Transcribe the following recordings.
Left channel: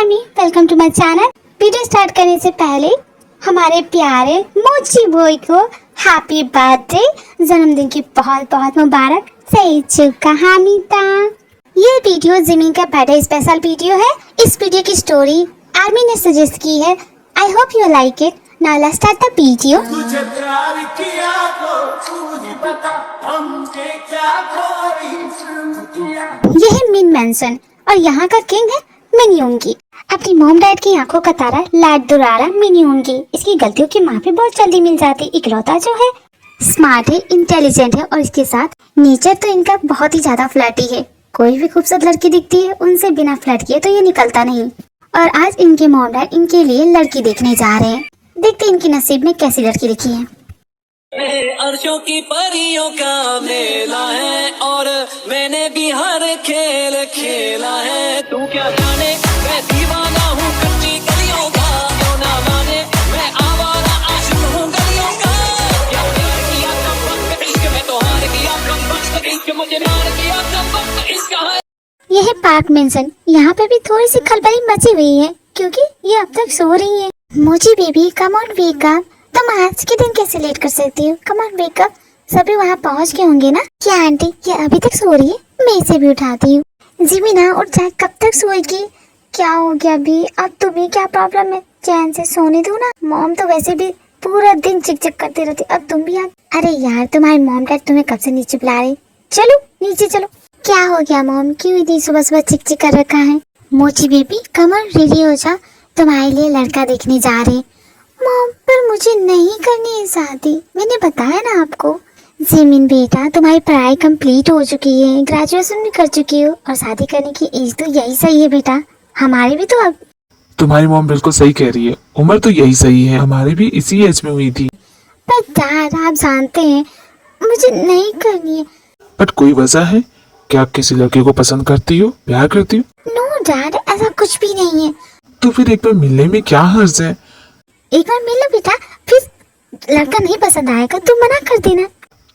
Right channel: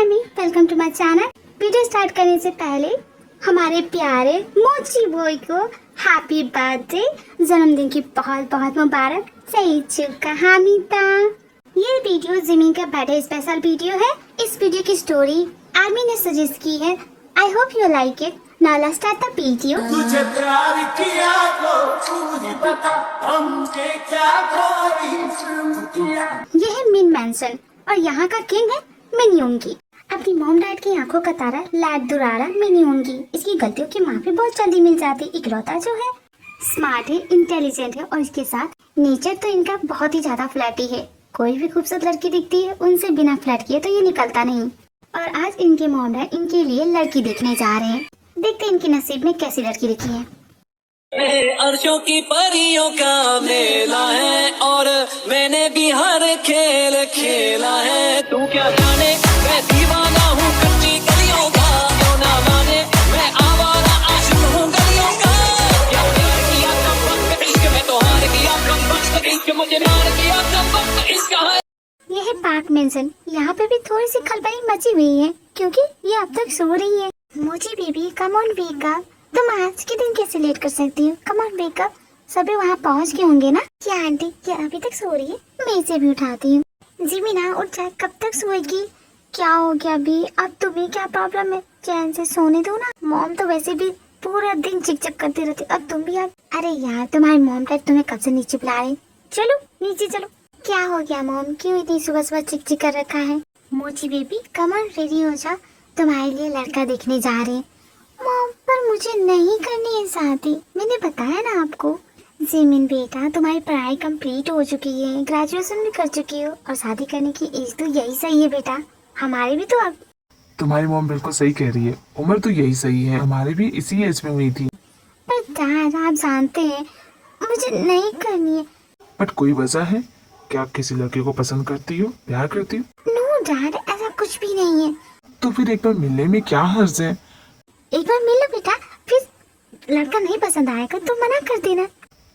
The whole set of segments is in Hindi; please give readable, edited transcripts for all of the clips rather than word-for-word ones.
अम्मी, welcome to my channel. Video start करने से पहले हमारे प्यारे मोची बॉय को हैप्पी बर्थडे, जन्मदिन की बहुत बहुत मुबारक। सही चुका हामिता। ये वीडियो जिमिन का बर्थडे स्पेशल वीडियो है। इस वीडियो की स्टोरी आर्मी ने सजेस्ट की है। I hope you like it. Now let's start the video. तुझे प्यार किया तो तुझे पता हमसे क्या कोई जुर्म किया। ये है मिन मैंसन और यहाँ का किंग है मिनयुंगी। अपनी मॉम डैड की आंखों का तारा लाड दुरारा मिनयुंगी। इसकी गलतियों की माफी बहुत जल्दी मिल जाती। इकलौता जो है, स्मार्ट है, इंटेलिजेंट है और इसके साथ नेचर तो इनका बहुत ही ज्यादा फ्लर्टी है। कोई भी खूबसूरत लड़की दिखती है, उनसे बिना फ्लर्ट किए तो ये निकलता नहीं। और आज इनके मॉम डैड इनके लिए लड़की देखने जा रहे हैं। देखते हैं इनके नसीब में कैसी लड़की लिखी है। अर्शों की परियों का मेला है और मैंने भी हर खेल खेला है। तू क्या जाने मैं दीवाना हूँ कच्ची गलियों का, क्यों ना माने मैं आवारा आशिक हूँ गलियों का। क्या प्यार किया कम वक्त इश्क में तो हार गया, कम वक्त इश्क मुझे मार गया, कम वक्त इश्क है। यह है पार्क मेंसन। यहाँ पे भी थोड़ी सी खलबली मची हुई है क्योंकि ये अब तक सो रही है। मोची baby come on wake up. तुम आज के दिन कैसे लेट कर सकती हो? Come on wake up. सभी वहाँ पहुँच गए होंगे ना? क्या आंटी ये अभी तक सो रही है? मैं इसे भी उठाती हूँ। जिमिना उठ जाए, कब तक सोएगी? क्या हो गया अभी? अब तुम्हें क्या प्रॉब्लम है? चैन से सोने दो ना। मॉम तो वैसे भी पूरा दिन चिक करती रहती, अब तुम भी अरे यार, तुम्हारी मॉम डैड तुम्हें कब से नीचे बुला रहे। चलो नीचे चलो। क्या हो गया मॉम, क्यों इतनी सुबह सुबह चिक कर रखा है? मोची बेबी कम ऑन रेडी हो जा, तुम्हारे लिए लड़का देखने जा रहे हैं। मॉम पर मुझे नहीं करनी है शादी, मैंने बताया ना आपको। जिमिन बेटा तुम्हारी पढ़ाई कंप्लीट हो चुकी है, ग्रेजुएशन भी कर चुकी हो और शादी करने की एज तो यही सही है बेटा। हमारे भी तो अब। तुम्हारी मॉम बिल्कुल सही कह रही है, उम्र तो यही सही है, हमारी भी इसी एज में हुई थी। पर डैड आप जानते हैं मुझे नहीं करनी है। बट कोई वजह है? क्या आप किसी लड़के को पसंद करती हो, प्यार करती हो? नो डैड, ऐसा कुछ भी नहीं है। तो फिर एक बार मिलने में क्या हर्ज है? एक बार मिलो बेटा, फिर लड़का नहीं पसंद आएगा तो मना कर देना।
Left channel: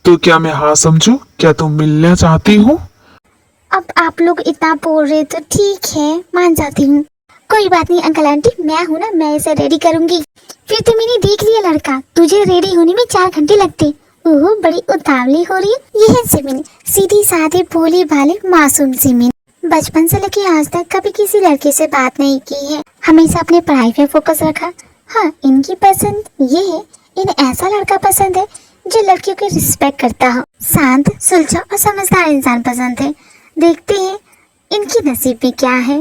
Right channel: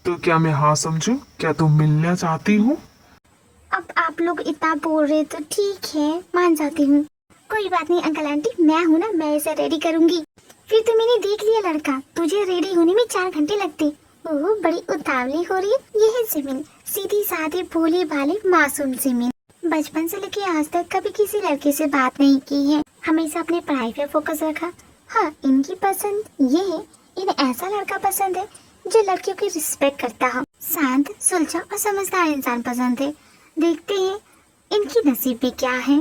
तो क्या मैं हाँ समझूं? क्या तुम मिलना चाहती हो? अब आप लोग इतना बोल रहे तो ठीक है, मान जाती हूँ। कोई बात नहीं अंकल आंटी, मैं हूँ ना, मैं इसे रेडी करूंगी। फिर तो मैंने देख लिया लड़का, तुझे रेडी होने में 4 घंटे लगते। ओह बड़ी उतावली हो रही है। ये है जिमिन, सीधी साधी भोली भाले मासूम जिमिन। बचपन से लेके आज तक कभी किसी लड़के से बात नहीं की है, हमेशा अपने पढ़ाई पे फोकस रखा। हाँ इनकी पसंद ये है, इन्हें ऐसा लड़का पसंद है जो लड़कियों की रिस्पेक्ट करता हो। शांत, सुलझा और समझदार इंसान पसंद है। देखते हैं इनकी नसीब में क्या है।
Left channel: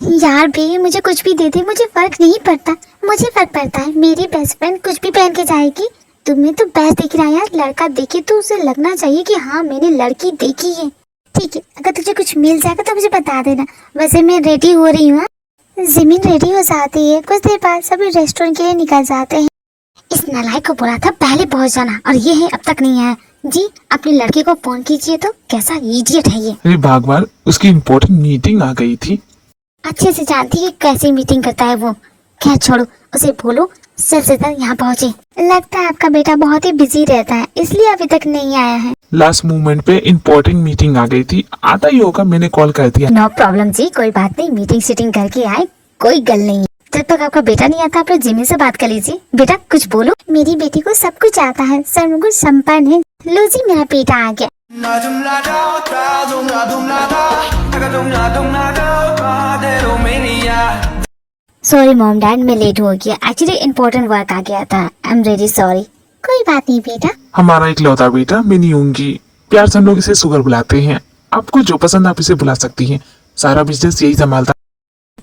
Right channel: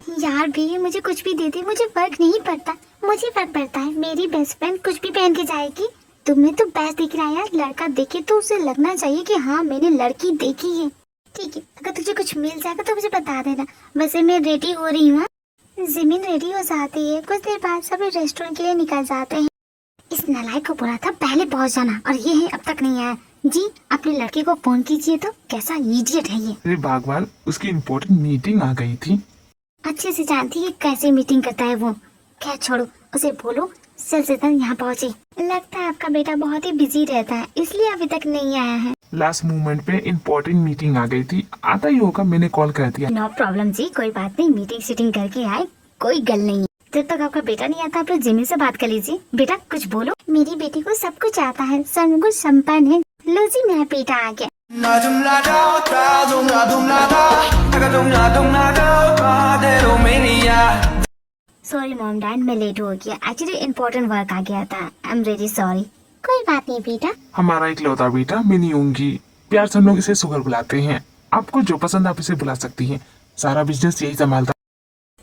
यार भी मुझे कुछ भी दे दे, मुझे फर्क नहीं पड़ता। मुझे फर्क पड़ता है मेरी बेस्ट फ्रेंड कुछ भी पहन के जाएगी। तुम्हें तो बेस्ट दिख रहा है यार, लड़का देखे तो उसे लगना चाहिए कि हाँ मैंने लड़की देखी है। ठीक है, अगर तुझे कुछ मिल जाएगा तो मुझे बता देना। वैसे मैं रेडी हो रही हूँ। जिमिन रेडी हो जाती है, कुछ देर बाद सभी रेस्टोरेंट के लिए निकल जाते हैं। इस नालायक को बोला था पहले पहुंच जाना और ये है अब तक नहीं आया। जी अपने लड़के को फोन कीजिए। तो कैसा इडियट है ये। अरे भगवान, उसकी इम्पोर्टेंट मीटिंग आ गई थी। अच्छे से जानती है कैसी मीटिंग करता है वो। खैर छोड़ो, उसे बोलो जल्द से जल्द यहाँ पहुँचे। लगता है आपका बेटा बहुत ही बिजी रहता है, इसलिए अभी तक नहीं आया है। लास्ट मोमेंट पे इम्पोर्टेंट मीटिंग आ गई थी, आता ही होगा, मैंने कॉल कर दिया। नो प्रॉब्लम जी, कोई बात नहीं, मीटिंग सीटिंग करके आए, कोई गल नहीं। जब तक आपका बेटा नहीं आता आप लोग जिमी से बात कर लीजिए। बेटा कुछ बोलो। मेरी बेटी को सब कुछ आता है, सर्वगुण संपन्न है। लो जी मेरा बेटा आ गया। सॉरी मॉम डैड, मैं लेट हो गया। एक्चुअली इम्पोर्टेंट वर्क आ गया था। I am very sorry. कोई बात नहीं बेटा। हमारा इकलौता बेटा मिनयुंगी, प्यार से हम लोग इसे सुगर बुलाते हैं। आपको जो पसंद आप इसे बुला सकती हैं, सारा बिजनेस यही संभालता।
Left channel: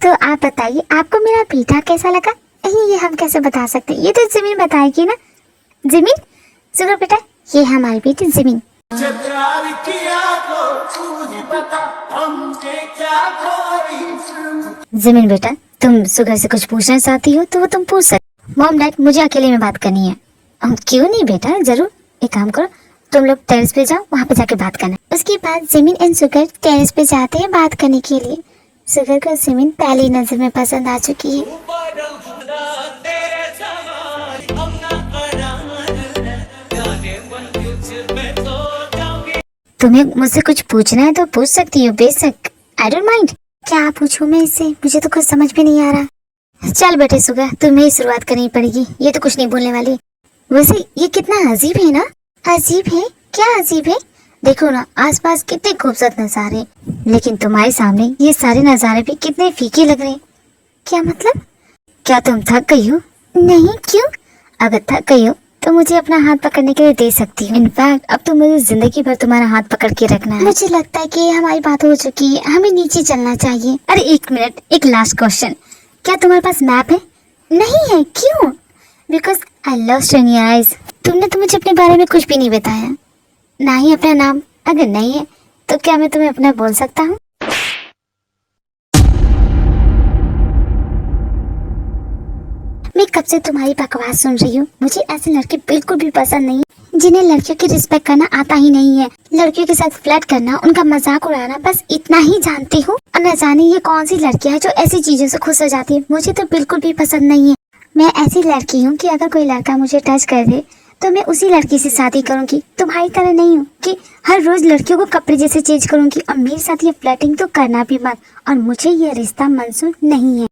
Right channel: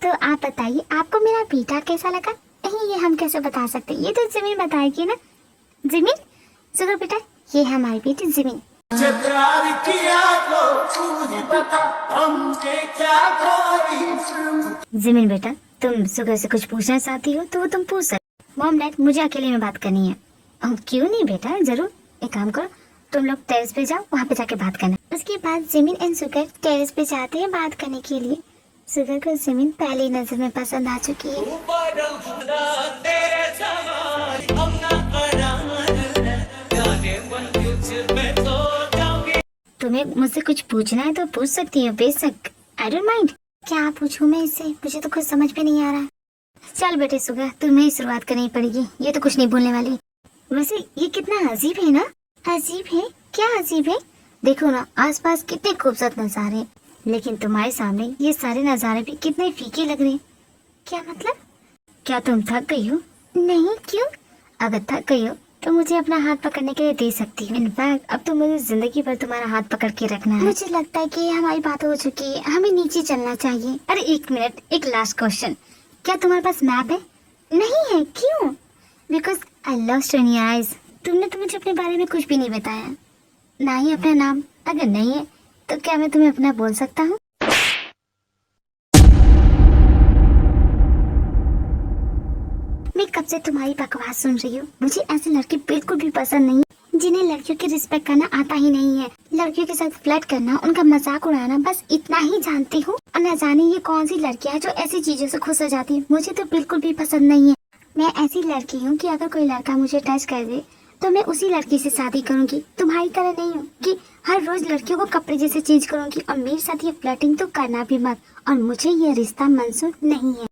तो आप बताइए आपको मेरा बेटा कैसा लगा? ये हम कैसे बता सकते, ये तो जिमिन बताएगी ना। जिमिन सुनो बेटा, ये हमारी बेटी जिमिन। तुझे प्यार किया तो तुझे पता हमसे क्या कोई जुर्म। जिमिन बेटा तुम सुगर से कुछ पूछना चाहती हो तो वो तुम पूछ सकते। मॉम डैड मुझे अकेले में बात करनी है। क्यों नहीं बेटा, जरूर। एक काम करो, तुम लोग टेरेस पे जाओ, वहाँ पे जाके बात करना। उसके बाद जिमिन एंड सुगर टेरेस पे जाते हैं बात करने के लिए। सुगर को जिमिन पहली नजर में पसंद आ चुकी है। तुम्हें मुझसे कुछ पूछना है तो पूछ सकती हो बेशक, आई डोंट माइंड। क्या पूछूं मैं इससे, मुझे तो कुछ समझ में नहीं आ रहा। चल बेटे सुगर, तुम्हें ही शुरुआत करनी पड़ेगी, ये तो कुछ नहीं बोलने वाली। वैसे ये कितना अजीब है ना। अजीब है? क्या अजीब है? देखो ना आसपास कितने खूबसूरत नजारे, लेकिन तुम्हारे सामने ये सारे नजारे भी कितने फीके लग रहे हैं। क्या मतलब? क्या तुम थक गई हो? नहीं, क्यों? अगर थक गई हो तो मुझे अपना हाथ पकड़ने के लिए दे सकती हो। इनफैक्ट अब तो मुझे जिंदगी भर तुम्हारा हाथ पकड़ के रखना है। मुझे लगता है कि हमारी बात हो चुकी है, हमें नीचे चलना चाहिए। अरे एक मिनट, एक लास्ट क्वेश्चन, क्या तुम्हारे पास मैप है? नहीं है, क्यों? Because I lost in your eyes. तुमने तो मुझे अपने बारे में कुछ भी नहीं बताया, ना ही अपना नाम। अगर नहीं है तो क्या मैं तुम्हें अपना बोल सकता हूँ? मैं कब से तुम्हारी बकवास सुन रही हूँ। मुझे ऐसे लड़के बिल्कुल भी पसंद नहीं, जिन्हें लड़कियों की रिस्पेक्ट करना आता ही नहीं है। लड़कियों के साथ फ्लर्ट करना, उनका मजाक उड़ाना, बस इतना ही जानती हूँ। और न जाने ये कौन सी लड़कियाँ है जो ऐसी चीजों से खुश हो जाती है। मुझे तो बिल्कुल भी पसंद नहीं है। मैं ऐसी लड़की हूँ कि अगर कोई लड़का मुझे टच कर दे तो मैं उसी लड़की से शादी करूंगी। तुम्हारी तरह नहीं हूँ कि हर रोज लड़कियों को कपड़े जैसे चेंज करूंगी। और मेरे साथ ये फ्लर्टिंग तो करना भी मत, और मुझे ये रिश्ता मंजूर नहीं है।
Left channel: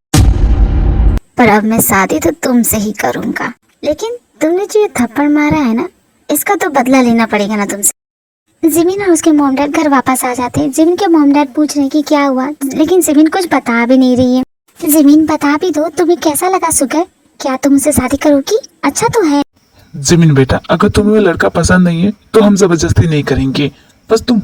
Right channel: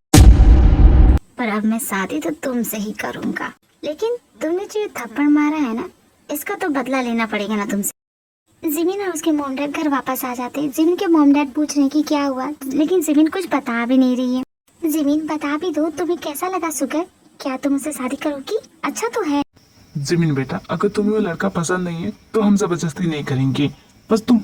पर अब मैं शादी तो तुमसे ही करूंगा। लेकिन तुमने जो ये थप्पड़ मारा है ना, इसका तो बदला लेना पड़ेगा ना तुमसे। जिमिन और उसके मॉम डैड घर वापस आ जाते हैं। जिमिन के मॉम डैड पूछ रहे हैं कि क्या हुआ, लेकिन जिमिन कुछ बता भी नहीं रही है। जिमिन बता भी दो, तुम्हें कैसा लगा सुगर? क्या तुम उससे शादी करोगी? अच्छा तो है। जिमिन बेटा, अगर तुम्हें वो लड़का पसंद नहीं है तो हम जबरदस्ती नहीं करेंगे, बस तुम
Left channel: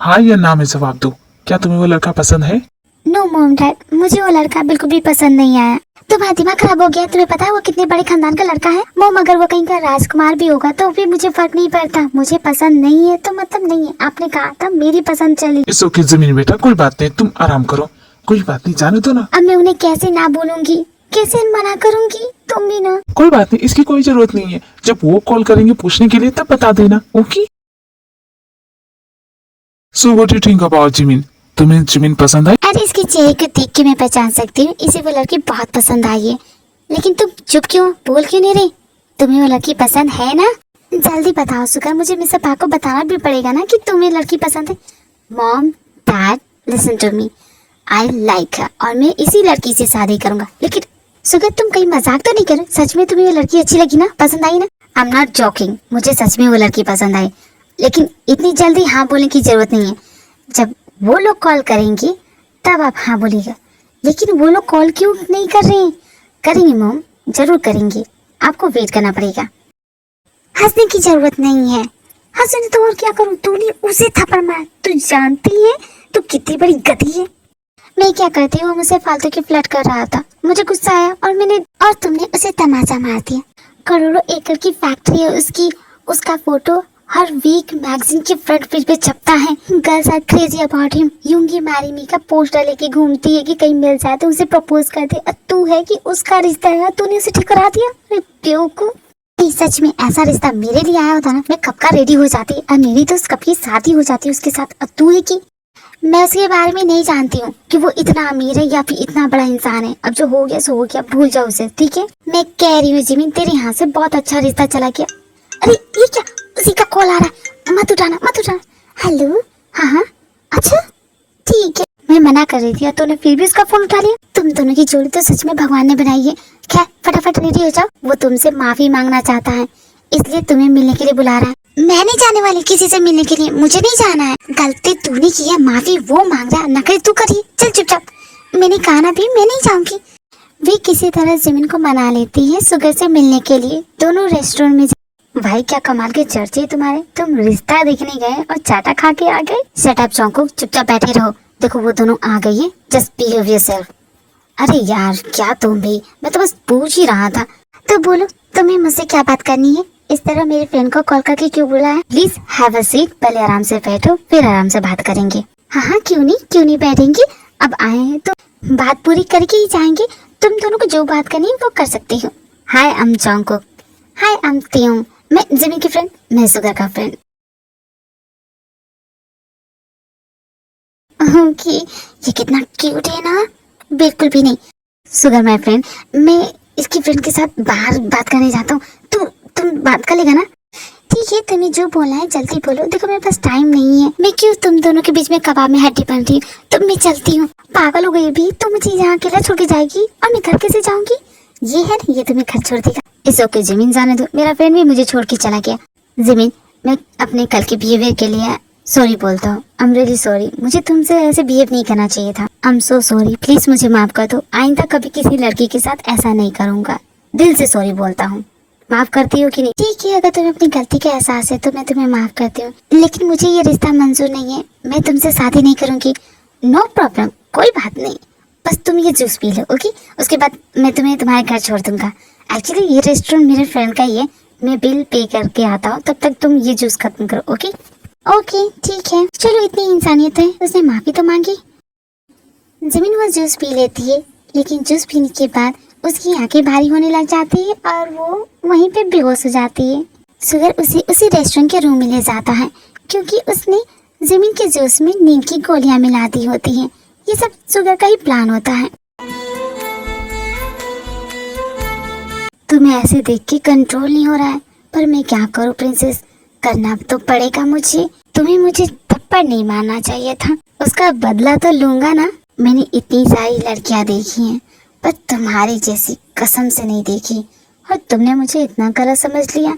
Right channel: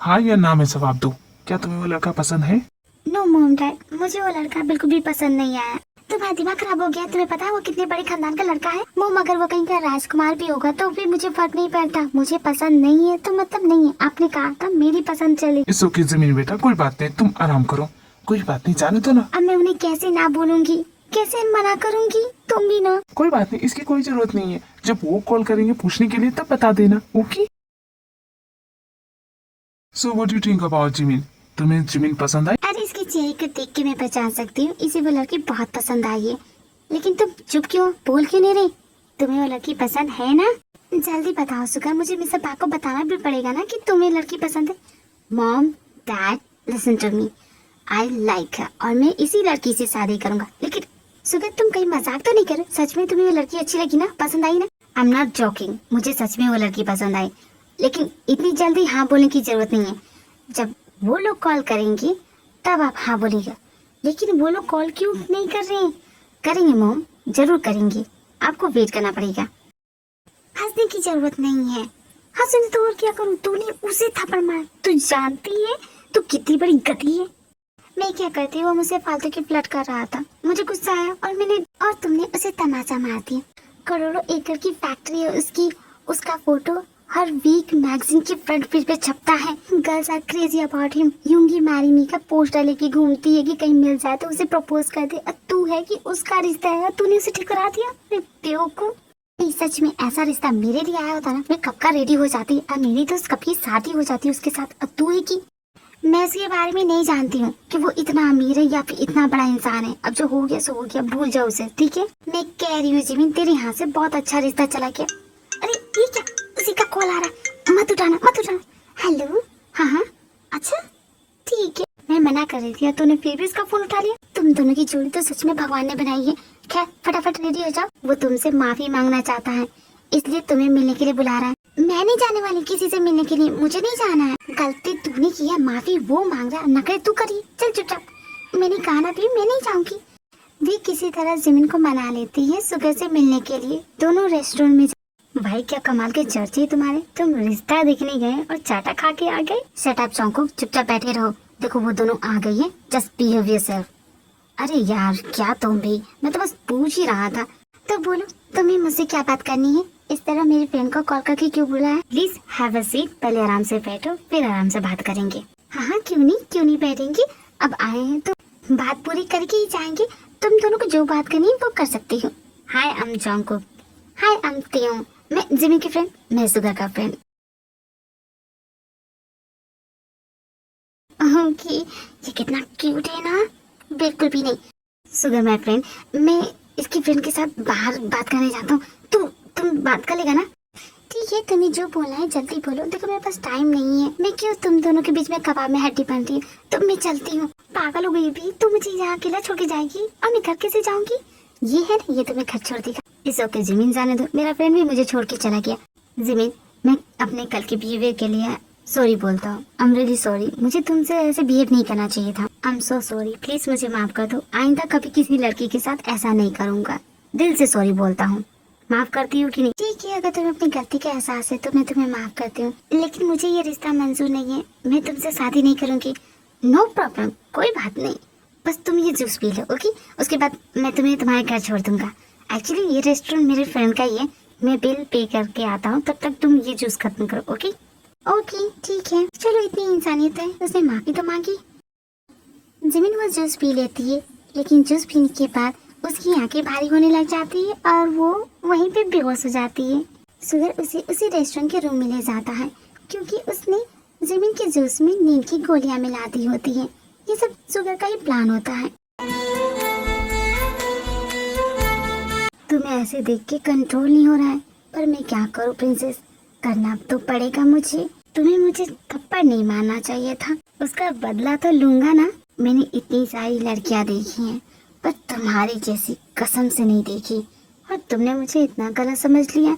हाँ या ना में जवाब दो। क्या तुम्हें वो लड़का पसंद है? नो मॉम डैड, मुझे वो लड़का बिल्कुल भी पसंद नहीं आया। तुम्हारा दिमाग खराब हो गया? तुम्हें पता है वो कितने बड़े खानदान का लड़का है? मॉम, अगर वो कहीं का राजकुमार भी होगा तो भी मुझे फर्क नहीं पड़ता। मुझे पसंद नहीं है तो मतलब नहीं है। आपने कहा था मेरी पसंद चली। इस ओके जिमिन बेटा, कोई बात नहीं, तुम आराम करो, कोई बात नहीं, जाने दो ना। अब मैं उन्हें कैसे ना बोलूंगी, कैसे मना करूंगी? तुम भी ना। कोई बात नहीं, इसकी कोई जरूरत नहीं है। जब वो कॉल करेंगे पूछने के लिए तब बता देना, okay? So what you think about Jimin? तुम्हें जिमिन पसंद आई? अरे इसके चेहरे को देख के मैं पहचान सकती हूँ, इसे वो लड़की बहुत पसंद आई है। लेकिन तुम चुप क्यों, बोल क्यों नहीं रहे? तुम्हें वो लड़की पसंद है ना? जल्दी बताओ सुगर, मुझे मिस्टर पा को बताना भी पड़ेगा ना कि तुम्हें लड़की पसंद है। Mom dad listen to me, I like her, और मैं इसी लड़की से शादी करूंगा। लेकिन सुगर तुम कहीं मजाक तो नहीं कर रहे? सच में तुम्हें वो लड़की अच्छी लगी ना, पसंद आई ना? आई एम नॉट जोकिंग, मुझे सच में वो लड़की पसंद आई। लेकिन इतनी जल्दी हाँ बोलने की जरूरत नहीं है। जब वो लोग कॉल करेंगे तब आप हाँ बोलिएगा। लेकिन वो लोग कॉल क्यों नहीं कर रहे हैं? करेंगे मॉम, जरूर करेंगे, आपको वेट करना पड़ेगा। हंसने की जरूरत नहीं है। हंसने तो और क्या करूं? तूने उसे थप्पड़ मारा, तू जानती है तू कितनी बड़ी गधी है। मैं क्या करती हूँ, मुझसे फालतू की फ्लर्ट कर रहा था, मुझे गुस्सा आया और तुमने उसे तमाचा मार दिया। करोड़ों एकड़ की फैक्ट्री है उसकी, उसका फोटो हर वीक मैगजीन के फ्रंट पेज पे छपता है। Girls are crazy about him, Yoongi marry me का पोस्टर लेके घूमती है कि कहीं मिल जाए तो उसे प्रपोज कर दे। और तू है कि उसका रिश्ता है, तूने उसे ठुकरा दिया। अरे बेवकूफ, सच में ऐसा रिश्ता मेरे लिए आया होता ना, मैं कब का रेडी हो जाती और मेरी तो कब की शादी हो जाती उसके साथ। और तू है कि मैं उसके बारे में नहीं जानती हूँ कि वो इतना अमीर है या फिर इतना बड़ा इंसान है। अब जो हो गया सो हो गया, भूल जाओ उसे, ठीक है? मैं कह रही हूँ जिमिन, तेरे यहाँ से बहुत अच्छा रिश्ता चला गया। अरे ये क्या, उसी का कॉल आ रहा है, मत उठाना मत उठाना। हेलो, हाँ हाँ, अच्छा ठीक है। मैं मना कर रही थी और तूने फिर भी उसका फोन उठा लिया। तुम दोनों की जोड़ी तो सच में भगवान ने बनाई है। खैर फटाफट रेडी हो जाओ, वो तुमसे माफी मांगना चाहता है, इसलिए तुम्हें मिलने के लिए बुला रहा है। मैं नहीं जाने वाली किसी से मिलने के लिए, मुझे नहीं जाना है। गलती तूने की है, माफी वो मांग रहा है, नखरे तू करी। चल चुपचाप। मैंने कहा ना भी मैं नहीं जाऊंगी। वे किसी तरह जमीन को मना लेती है सुगर से मिलने के लिए। दोनों रेस्टोरेंट में भाई क्या कमाल के चर्चे तुम्हारे, तुम रिश्ता देखने गए और चाटा खा के आ गए। सेट अप चौंको, चुपचाप बैठे रहो। देखो वो दोनों आ गई है, जस्ट बिहेव योरसेल्फ। अरे यार क्या तुम भी, मैं तो बस पूछ ही रहा था। तो बोलो तुम्हें मुझसे क्या बात करनी है? इस तरह मेरे फ्रेंड को कॉल करके क्यों बुलाया है? प्लीज हैव अ सीट, पहले आराम से बैठो फिर आराम से बात करेंगे। हाँ हाँ क्यों नहीं बैठेंगे, अब आए हैं तो बात पूरी करके ही जाएंगे। तुम दोनों को जो बात करनी है वो कर सकते हो। Hi I am Jungkook. Hi I am Taehyung. मैं जिमी की फ्रेंड, मैं सुगर का फ्रेंड। कि ये कितना क्यूट है ना। बिल्कुल भी नहीं। सुगर माय फ्रेंड, मैं इसकी फ्रेंड के साथ बाहर बात करने जाता हूँ, तो तुम बात कर लेगा ना? ठीक है, तुम्हें जो बोलना है जल्दी बोलो। देखो मेरे पास टाइम नहीं है, मैं क्यों तुम दोनों के बीच में कबाब में हड्डी बन रही हूँ। तो मैं चलती हूँ। पागल हो गई भी, तुम मुझे यहाँ अकेला छोड़ के जाएगी और मैं घर कैसे जाऊंगी। ये है ना, ये तुम्हें घर छोड़ देगा। इस ओके जमीन, जाने दो। मेरा फ्रेंड भी मुझे छोड़ के चला गया। जमीन, मैं अपने कल के बिहेवियर के लिए सॉरी बोलता हूँ। आई एम रियली सॉरी, मुझे तुमसे ऐसे बिहेव नहीं करना चाहिए था। I am so sorry, please मुझे माफ कर दो। आइंदा कभी किसी लड़की के साथ ऐसा नहीं करूंगा। दिल से सॉरी बोलता हूँ। माफ करती हो कि नहीं? ठीक है, अगर तुम्हें अपनी गलती का एहसास है तो मैं तुम्हें माफ करती हूँ, लेकिन मुझे ये रिश्ता मंजूर नहीं है। मैं तुमसे शादी नहीं करूंगी। नो प्रॉब्लम, कोई बात नहीं। बस तुम ये जूस पी लो, ओके? उसके बाद मैं तुम्हें तुम्हारे घर छोड़ दूंगा। एक्चुअली ये रेस्टोरेंट मेरे फ्रेंड का ही है, मैं बिल पे करके आता हूँ, तब तक तुम ये जूस खत्म करो, ओके? ओके ठीक है, चलो इतनी इंसानियत है। उसने माफी तो मांगी। जमीन वो जूस पी लेती है, लेकिन जूस पीने के बाद उसकी आंखें भारी होने लग जाती है और वो वहीं पे बेहोश हो जाती है। सुगर उसी रेस्टोरेंट के रूम में ले जाता है, क्योंकि उसने जमीन के जूस में नींद की गोलियां मिला दी होती हैं। ये सब सुगर का ही प्लान होता है। तुम्हें ऐसे देख के कंट्रोल नहीं हो रहा है, पर मैं क्या करूं प्रिंसेस, करना तो पड़ेगा मुझे। तुम्हें मुझे थप्पड़ नहीं मारना चाहिए था, उसका बदला तो लूंगा ना। मैंने इतनी सारी लड़कियां देखी हैं, पर तुम्हारी जैसी कसम से नहीं देखी, और तुमने मुझे इतना गलत समझ लिया।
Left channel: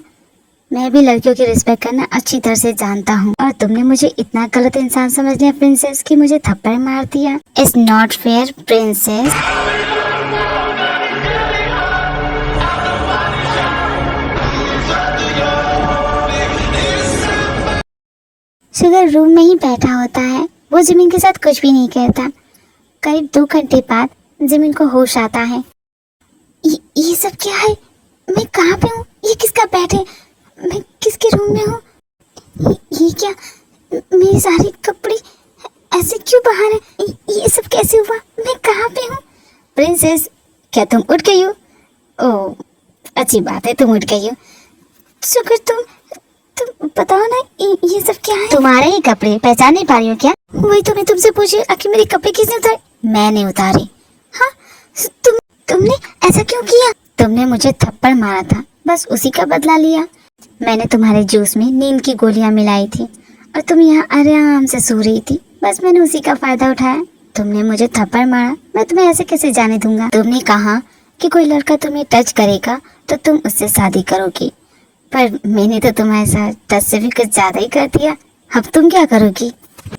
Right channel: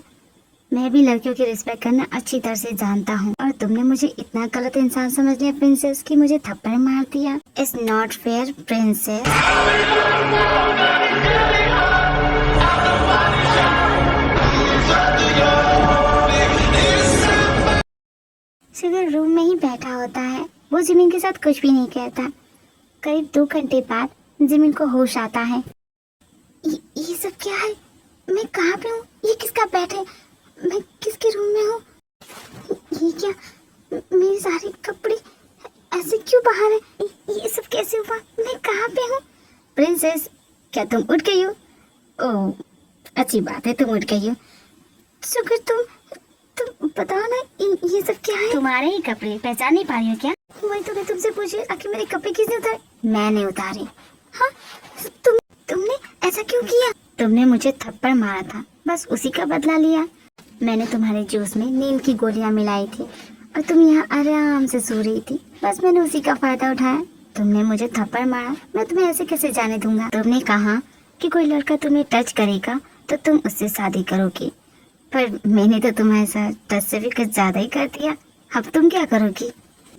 मैं भी लड़कियों की रिस्पेक्ट करना अच्छी तरह से जानता हूँ, और तुमने मुझे इतना गलत इंसान समझ लिया प्रिंसेस कि मुझे थप्पड़ मार दिया। It's not fair princess. Sugar room में ही बैठा होता है, वो जमीन के साथ कुछ भी नहीं कहता। करीब 2 घंटे बाद जमीन को होश आता है। ये सब क्या है? मैं कहाँ पे हूँ? ये किसका बेड है? मैं किसके रूम में हूँ? ये क्या? मेरे सारे कपड़े ऐसे क्यों बाहर है? ये सब कैसे हुआ? मैं कहाँ पे हूँ? प्रिंसेस, क्या तुम उठ गई हो? ओह, अच्छी बात है, तुम उठ गई हो। शुक्र, तुम बताओ ना, ये सब क्या है? तुम्हारे ही कपड़े, पहचान नहीं पा रही हो क्या? वही तो मैं तुमसे पूछी, आखिर मेरे कपड़े किसने उतारे? मैंने उतारे। हाँ, तुमने ऐसा क्यों किया? तुमने मुझे थप्पड़ मारा था, बस उसी का बदला लिया। मैंने तुम्हारे जूस में नींद की गोलियां मिलाई थी और तुम यहाँ आराम से सो रही थी, बस मैंने उसी का फायदा उठाया। तुमने मुझे थप्पड़ मारा, मैं तुम्हें ऐसे कैसे जाने दूंगा? तुमने कहा कि कोई लड़का तुम्हें टच करेगा तो तुम उससे शादी करोगी, पर मैंने तो तुम्हारे साथ टच से भी कुछ ज्यादा ही कर दिया। अब तुम क्या करोगी?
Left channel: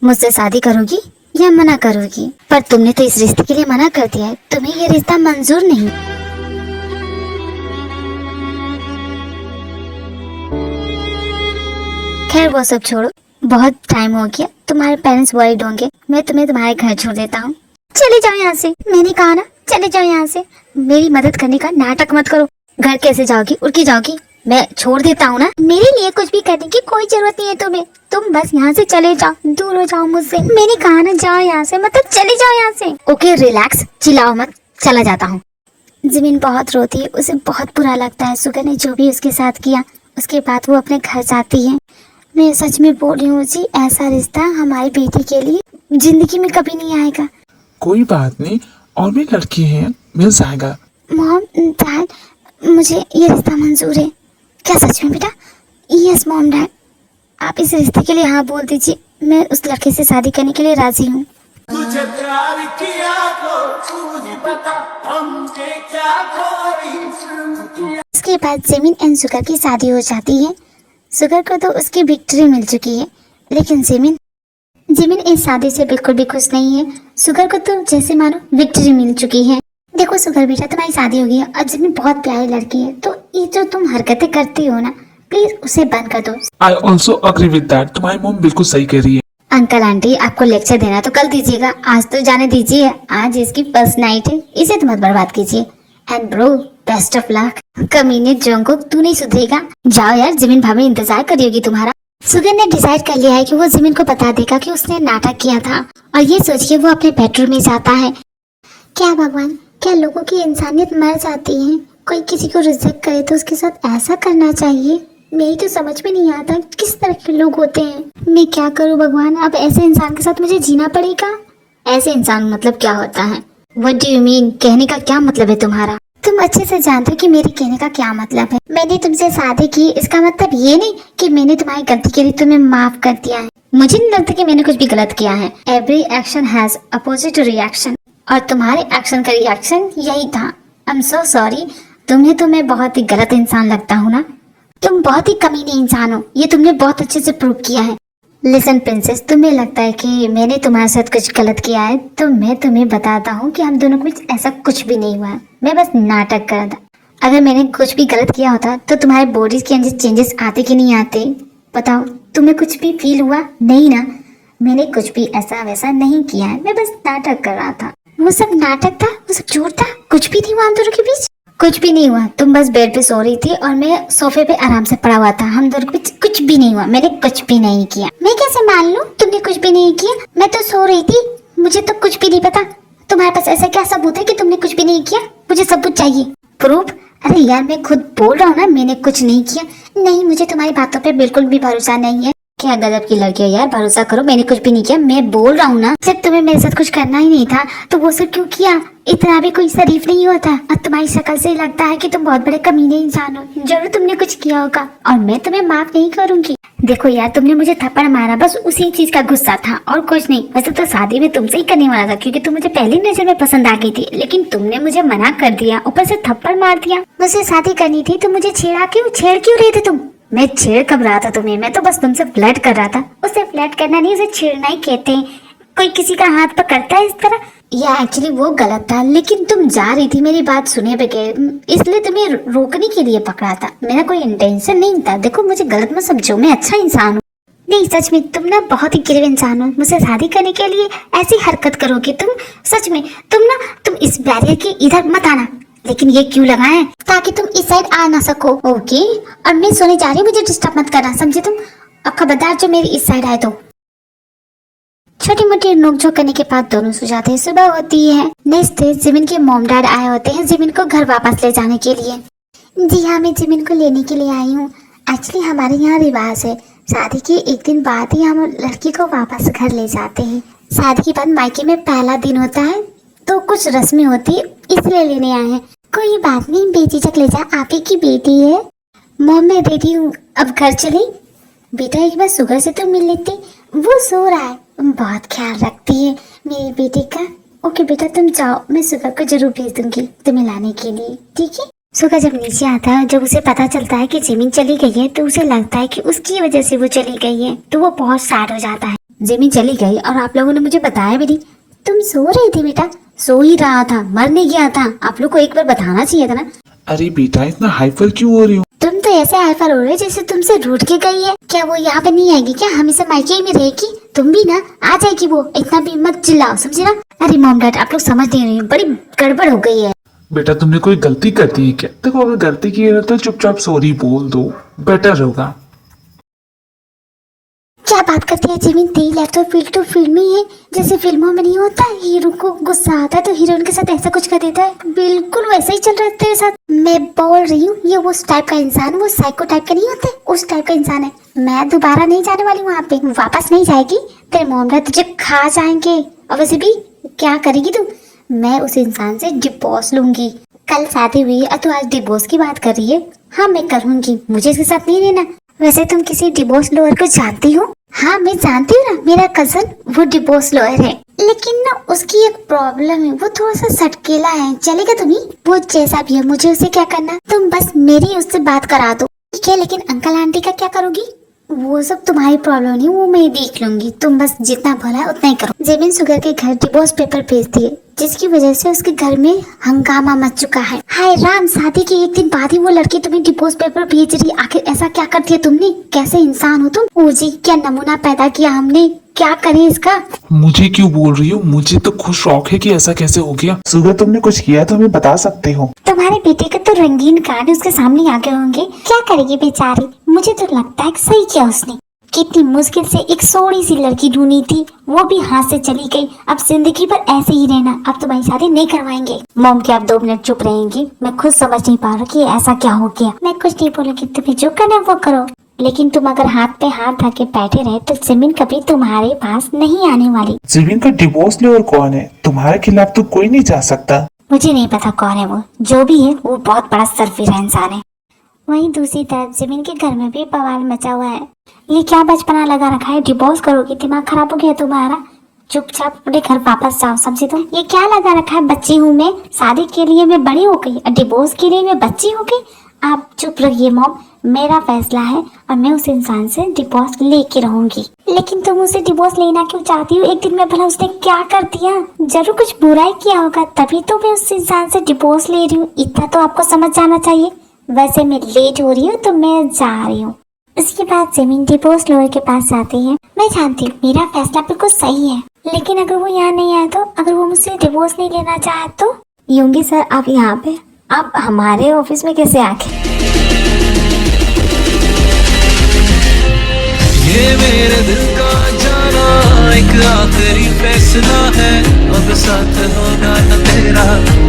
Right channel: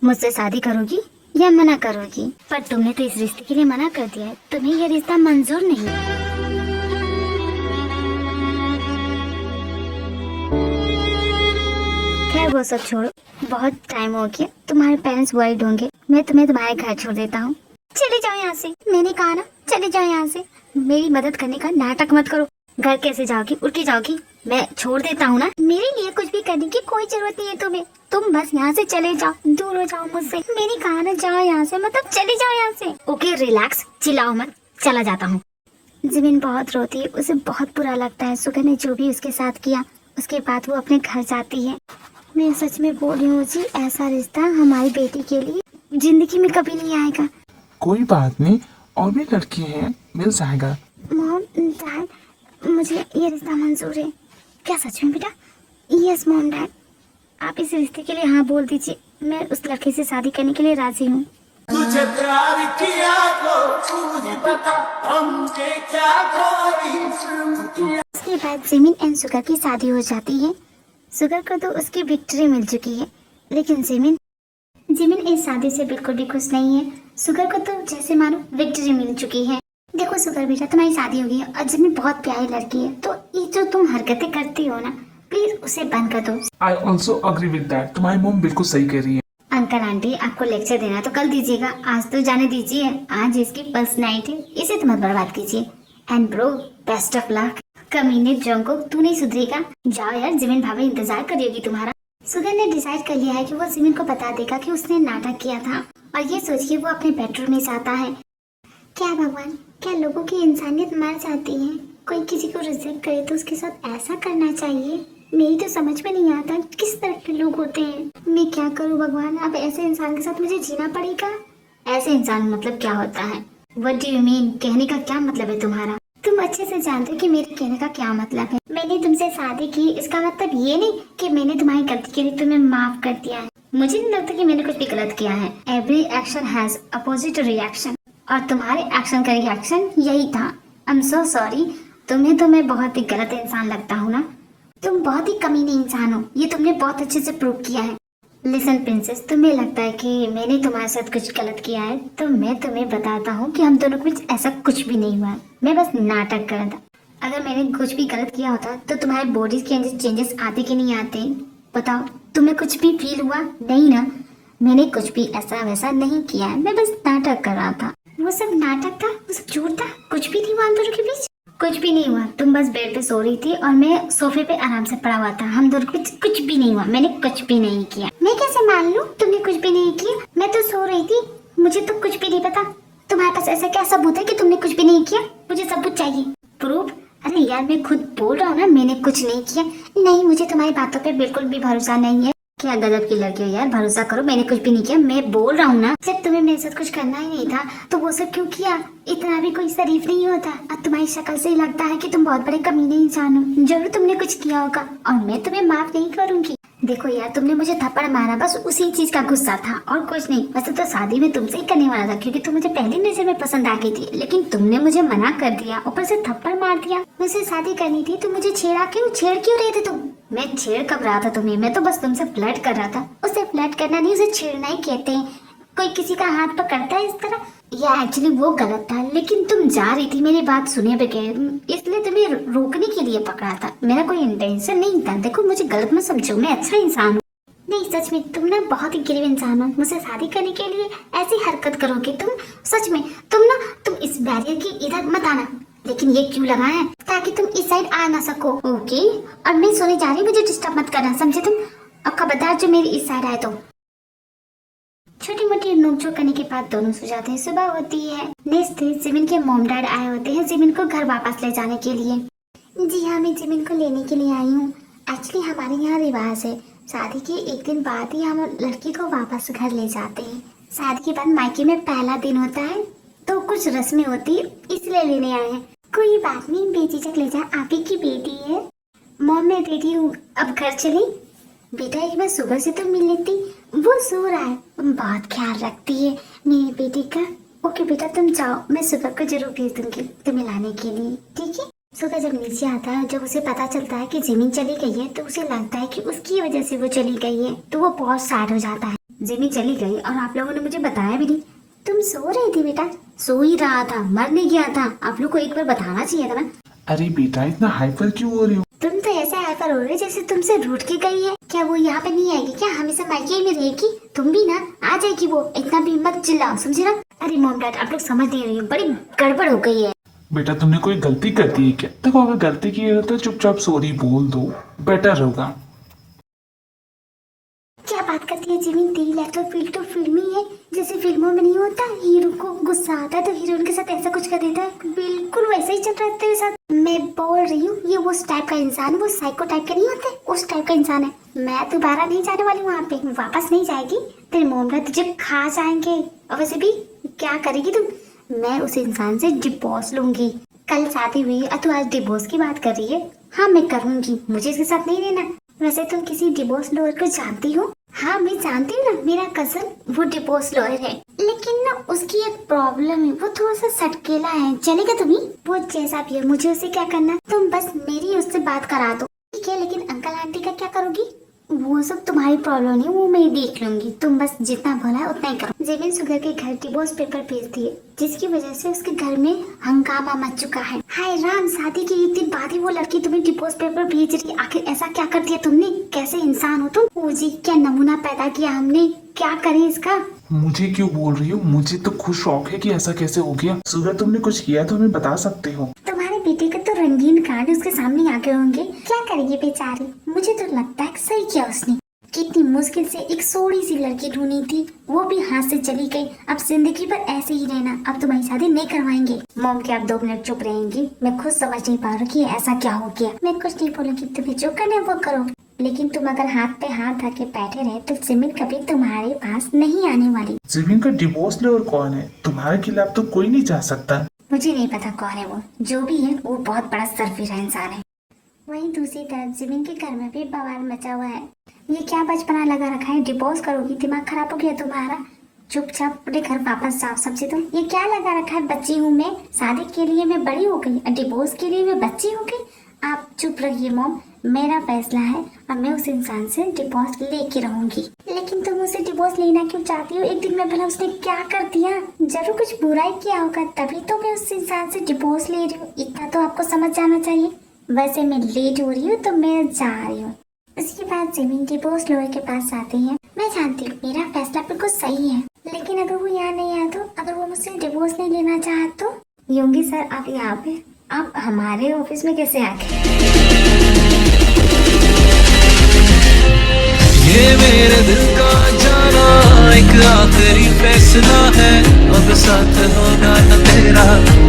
मुझसे शादी करोगी या मना करोगी? पर तुमने तो इस रिश्ते के लिए मना कर दिया है, तुम्हें ये रिश्ता मंजूर नहीं। खैर वो सब छोड़ो, बहुत टाइम हो गया, तुम्हारे पेरेंट्स वरीड होंगे। मैं तुम्हें तुम्हारे घर छोड़ देता हूँ। चले जाओ यहाँ से, मैंने कहा ना, चले जाओ यहाँ से। मेरी मदद करने का नाटक मत करो। घर कैसे जाओगी? उड़ के जाओगी? मैं छोड़ देता हूँ ना। मेरे लिए कुछ भी करने की कोई जरूरत नहीं है तुम्हें, तुम बस यहाँ से चले जाओ, दूर हो जाओ मुझसे। मैंने कहा ना, जाओ यहाँ से, मतलब चले जाओ यहाँ से। ओके रिलैक्स, चिल्लाओ मत, चला जाता हूँ। जमीन बहुत रोती है, उसे बहुत बुरा लगता है सुगर ने जो भी उसके साथ किया। उसके बाद वो अपने घर जाती है। मैं सच में बोल रही हूँ जी, ऐसा रिश्ता हमारी बेटी के लिए जिंदगी में कभी नहीं आएगा। कोई बात नहीं, और भी लड़की है, मिल जाएगा। मॉम, डैड, मुझे ये रिश्ता मंजूर है। क्या सच में बेटा? यस मॉम डैड, आप इस रिश्ते के लिए हाँ बोल दीजिए। मैं उस लड़के से शादी करने के लिए राजी हूँ। तुझे प्यार किया तो तुझे बता, हमसे क्या कोई जुर्म किया। इसके बाद जमीन एंड सुगर की शादी हो जाती है। सुगर को तो उसकी विक्ट्री मिल चुकी है, लेकिन जमीन इस शादी से बिल्कुल भी खुश नहीं है। सुगर को तो जैसे मानो विक्ट्री मिल चुकी है। देखो सुगर बेटा, तुम्हारी शादी हो गई है और जमीन बहुत प्यारी लड़की है, तो ये जो तुम हरकतें करती हो ना, प्लीज उसे बंद कर दो। I also agree with that. तुम्हारी मॉम बिल्कुल सही कह रही है। अंकल आंटी, आपको लेक्चर देना तो कल दीजिएगा, आज तो जाने दीजिए। आज इसकी फर्स्ट नाइट है, इसे तो मत बर्बाद कीजिए। And bro, best of luck. कमीने जोंगकुक, तू नहीं सुधरेगा। जाओ यार, जमीन भाभी इंतजार कर रही होगी तुम्हारा। सुगर ने डिसाइड कर लिया है कि वो जमीन को बता देगा कि उसने नाटक किया था, और ये सोच के वो अपने बेडरूम में जाता है। क्या भगवान, क्या लोगों की इंसानियत मर जाती है? कोई किसी को रिजेक्ट करे तो उसके साथ ऐसा करना चाहिए? मेरी तो समझ में नहीं आता किस तरह के लोग होते हैं। मैं क्या करूं भगवान, अब ऐसे इंसान के साथ मुझे जीना पड़ेगा। ऐसे इंसान मतलब क्या होता है? What do you mean? कहने का क्या मतलब है तुम्हारा? तुम अच्छे से जानते हो कि मेरे कहने का क्या मतलब है। मैंने तुमसे शादी की, इसका मतलब ये नहीं कि मैंने तुम्हारी गलती के लिए तुम्हें माफ कर दिया है। मुझे नहीं लगता कि मैंने कुछ भी गलत किया है। Every action has opposite reaction, और तुम्हारे एक्शन का रिएक्शन यही था। I am so sorry. तुम्हें तो मैं बहुत ही गलत इंसान लगता हूँ ना। तुम बहुत ही कमीने इंसान हो, ये तुमने बहुत अच्छे से प्रूव किया है। लिसन प्रिंसेस, तुम्हें लगता है कि मैंने तुम्हारे साथ कुछ गलत किया है, तो मैं तुम्हें बताता हूँ कि हम दोनों के बीच ऐसा कुछ भी नहीं हुआ है। मैं बस नाटक कर रहा था। अगर मैंने कुछ भी गलत किया होता तो तुम्हारे बॉडी के अंदर चेंजेस आते कि नहीं आते? बताओ, तुम्हें कुछ भी फील हुआ? नहीं ना। मैंने कुछ भी ऐसा वैसा नहीं किया है, मैं बस नाटक कर रहा था। वो सब नाटक था, वो सब झूठ था, कुछ भी नहीं हुआ हम दोनों के बीच। कुछ भी नहीं हुआ। तुम बस बेड पे सो रही थी और मैं सोफे पे आराम से पड़ा हुआ था। हम दोनों के बीच कुछ भी नहीं हुआ। मैंने कुछ भी नहीं किया। मैं कैसे मान लूं तुमने कुछ भी नहीं किया? मैं तो सो रही थी, मुझे तो कुछ भी नहीं पता। तुम्हारे पास ऐसा क्या सबूत है कि तुमने कुछ भी नहीं किया? मुझे सबूत चाहिए, प्रूफ। अरे यार, मैं खुद बोल रहा हूँ ना मैंने कुछ नहीं किया। नहीं, मुझे तुम्हारी बातों पे बिल्कुल भी भरोसा नहीं है। क्या गजब की लड़की है यार, भरोसा करो, मैंने कुछ भी नहीं किया। मैं बोल रहा हूँ ना, जब तुम्हें मेरे साथ कुछ करना ही नहीं था तो वो सब क्यों किया? इतना भी कोई शरीफ नहीं होता। और तुम्हारी शक्ल से लगता है कि तुम बहुत बड़े कमीने इंसान हो। जरूर तुमने कुछ किया होगा और मैं तुम्हें माफ नहीं करूंगी। देखो यार, तुमने मुझे थप्पड़ मारा, बस उसी चीज का गुस्सा था और कुछ नहीं। वैसे तो शादी में तुमसे ही करने वाला था, क्योंकि तुम मुझे पहली नजर में पसंद आ गई थी, लेकिन तुमने मुझे मना कर दिया, ऊपर से थप्पड़ मार दिया। मुझसे शादी करनी थी तो मुझे छेड़ क्यों रहे थे तुम? मैं छेड़ कब रहा था तुम्हें? मैं तो बस तुमसे फ्लर्ट कर रहा था। उसे फ्लर्ट करना नहीं, उसे छेड़ना ही कहते हैं। कोई किसी का हाथ पकड़ता है इस तरह? या एक्चुअली वो गलत था, लेकिन तुम जा रही थी मेरी बात सुने बगैर, इसलिए तुम्हें रोकने के लिए पकड़ा था। मेरा कोई इंटेंशन नहीं था। देखो, मुझे गलत मत समझो, मैं अच्छा इंसान हूँ। नहीं, सच में तुम ना बहुत ही गिरवे इंसान हो। मुझसे शादी करने के लिए ऐसी हरकत करोगे तुम? सच में तुम इस बैरियर के इधर मत आना। लेकिन ये क्यों लगा है? ताकि तुम इस साइड आ ना सको। ओके, अब मैं सोने जा रही हूँ, मुझे डिस्टर्ब मत करना, समझे तुम? अब खबरदार जो मेरी इस साइड आए तो। छोटी मोटी नोकझोंक करने के बाद दोनों सो जाते हैं। सुबह होती है। नेक्स्ट डे जिमिन के मॉम डैड आए होते हैं जिमिन को घर वापस ले जाने के लिए। जी हाँ, मैं जिमिन को लेने के लिए आई हूँ। एक्चुअली हमारे यहाँ रिवाज है, शादी के एक दिन बाद ही हम लड़की को वापस घर ले जाते हैं। शादी के बाद मायके में पहला दिन होता है तो कुछ रस्में होती है, इसलिए लेने आए हैं। कोई बात नहीं, बेझिझक ले जा, आप ही की बेटी है। मॉम, मैं रेडी हूँ, अब घर चली। बेटा एक बार सुगर से तो मिल लेती, वो सो रहा है। बहुत ख्याल रखती है मेरी बेटी का। ओके बेटा, तुम जाओ, मैं सुगर को जरूर भेज दूंगी तुम्हें लाने के लिए, ठीक है? सुगर जब नीचे आता है, जब उसे पता चलता है कि जिमिन चली गई है, तो उसे लगता है कि उसकी वजह से वो चली गई है, तो वो बहुत सैड हो जाता है। जिमिन चली गई और आप लोगों ने मुझे बताया भी नहीं। तुम सो रही थी बेटा? सो ही रहा था, मर नहीं गया था। आप लोग को एक बार बताना चाहिए था ना। अरे बेटा, इतना हाइपर क्यों हो रही हो? तुम तो ऐसे हाइपर हो रहे जैसे तुमसे रूठ के गई है। क्या वो यहाँ पे नहीं आएगी क्या? हमेशा मायके में रहेगी? तुम भी ना आ जाएगी वो, इतना भी मत चिल्लाओ, समझे ना? अरे मॉम डैड, आप लोग समझ नहीं रहे हैं, बड़ी गड़बड़ हो गई है। बेटा, तुमने कोई गलती कर दी है क्या? देखो, अगर गलती की है ना तो चुपचाप सॉरी बोल दो, बेटर होगा। क्या बात करती है जिमिन? तेरी लाइफ तो फिल्मी है। जैसे फिल्मों में नहीं होता, हीरो को गुस्सा आता है तो हीरोइन के साथ ऐसा कुछ कर देता है, बिल्कुल वैसा ही चल रहा है तेरे साथ। मैं बोल रही हूँ, ये उस टाइप का इंसान, वो साइको टाइप का नहीं होते, उस टाइप का इंसान है। मैं दोबारा नहीं जाने वाली वहाँ पे, वापस नहीं जाएगी। तेरे मॉम डैड तुझे खा जाएंगे। और वैसे भी क्या करेगी तू? मैं उस इंसान से डिवोर्स लूंगी। कल शादी हुई है, तू आज डिवोर्स की बात कर रही है? हाँ, मैं करूंगी, मुझे इसके साथ नहीं रहना। वैसे तुम किसी डिवोर्स लॉयर को जानती हो? हाँ, मैं जानती हूँ ना, मेरा कजन वो डिवोर्स लॉयर है। लेकिन ना उसकी एक प्रॉब्लम है, वो थोड़ा सा सटकेला है। चलेगा तुम्हें? वो जैसा भी है, मुझे उसे क्या करना? तुम बस मेरी उससे बात करा दो, ठीक है? लेकिन अंकल आंटी का क्या करोगी? वो सब तुम्हारी प्रॉब्लम नहीं, वो मैं देख लूंगी। तुम बस जितना भरा है उतना ही करो। जिमिन सुगर के घर डिवोर्स पेपर भेज दिए, जिसकी वजह से उसके घर में हंगामा मच चुका है। हाय राम, शादी के एक दिन बाद ही वो लड़की तुम्हें डिवोर्स पेपर भेज रही। आखिर ऐसा क्या कर दिया तुमने? कैसे इंसान हो तुम? ओ जी, क्या नमूना पैदा किया हमने, क्या करें इसका? मुझे क्यों बोल रही हो? मुझे तो खुद शौक है कि ऐसा कैसे हो गया। सुगर, तुमने कुछ किया तो हमें बता सकते हो। तुम्हारे बेटे के तो रंगीन कार्ड उसके सामने आ गए होंगे, क्या करेगी बेचारी? मुझे तो लगता है सही किया उसने। कितनी मुश्किल से एक सोड़ी सी लड़की ढूंढी थी, वो भी हाथ से चली गई। अब जिंदगी भर ऐसे ही रहना, अब तुम्हारी शादी नहीं करवाएंगे। मॉम, क्या आप 2 मिनट चुप रहेंगी? मैं खुद समझ नहीं पा रहा कि ऐसा क्या हो गया। मैं कुछ नहीं बोलूंगी, तुम्हें जो करना है वो करो। लेकिन तुम अगर हाथ पे हाथ रख के बैठे रहे तो जिमिन कभी तुम्हारे पास नहीं आने वाली। जिमिन का डिवोर्स लॉयर कौन है? तुम्हारे खिलाफ तो कोई नहीं जा सकता। मुझे नहीं पता कौन है वो, जो भी है वो बहुत बड़ा सरफिरा इंसान है। वहीं दूसरी तरफ जमीन के घर में भी बवाल मचा हुआ है। ये क्या बचपना लगा रखा है, डिवोर्स करोगी, दिमाग खराब हो गया तुम्हारा, चुपचाप अपने घर वापस जाओ। समझी तुम? ये क्या लगा रखा है, बच्ची हूँ मैं, शादी के लिए मैं बड़ी हो गई और डिवोर्स के लिए मैं बच्ची हो गई। आप चुप रहिए मॉम, मेरा फैसला है और मैं उस इंसान से डिवोर्स लेके रहूंगी। लेकिन तुम उसे डिवोर्स लेना क्यों चाहती हो? एक दिन में भला उसने क्या कर दिया? जरूर कुछ बुरा ही किया होगा, तभी तो मैं उस इंसान से डिवोर्स ले रही हूँ। इतना तो आपको समझ जाना चाहिए। वैसे मैं लेट हो रही हूँ तो मैं जा रही हूँ। उसके बाद जमीन डिवोर्स लॉयर के पास जाती है। मैं जानती हूँ मेरा फैसला बिल्कुल सही है, लेकिन अगर वो यहाँ नहीं आया तो, अगर वो मुझसे डिवोर्स नहीं लेना चाहे तो? योंगी सर आप यहाँ पे, आप हमारे ऑफिस में कैसे आ गए? ये मेरे दिल का जाना एक आखिरी फैसला है, अब साथ होगा न तेरा,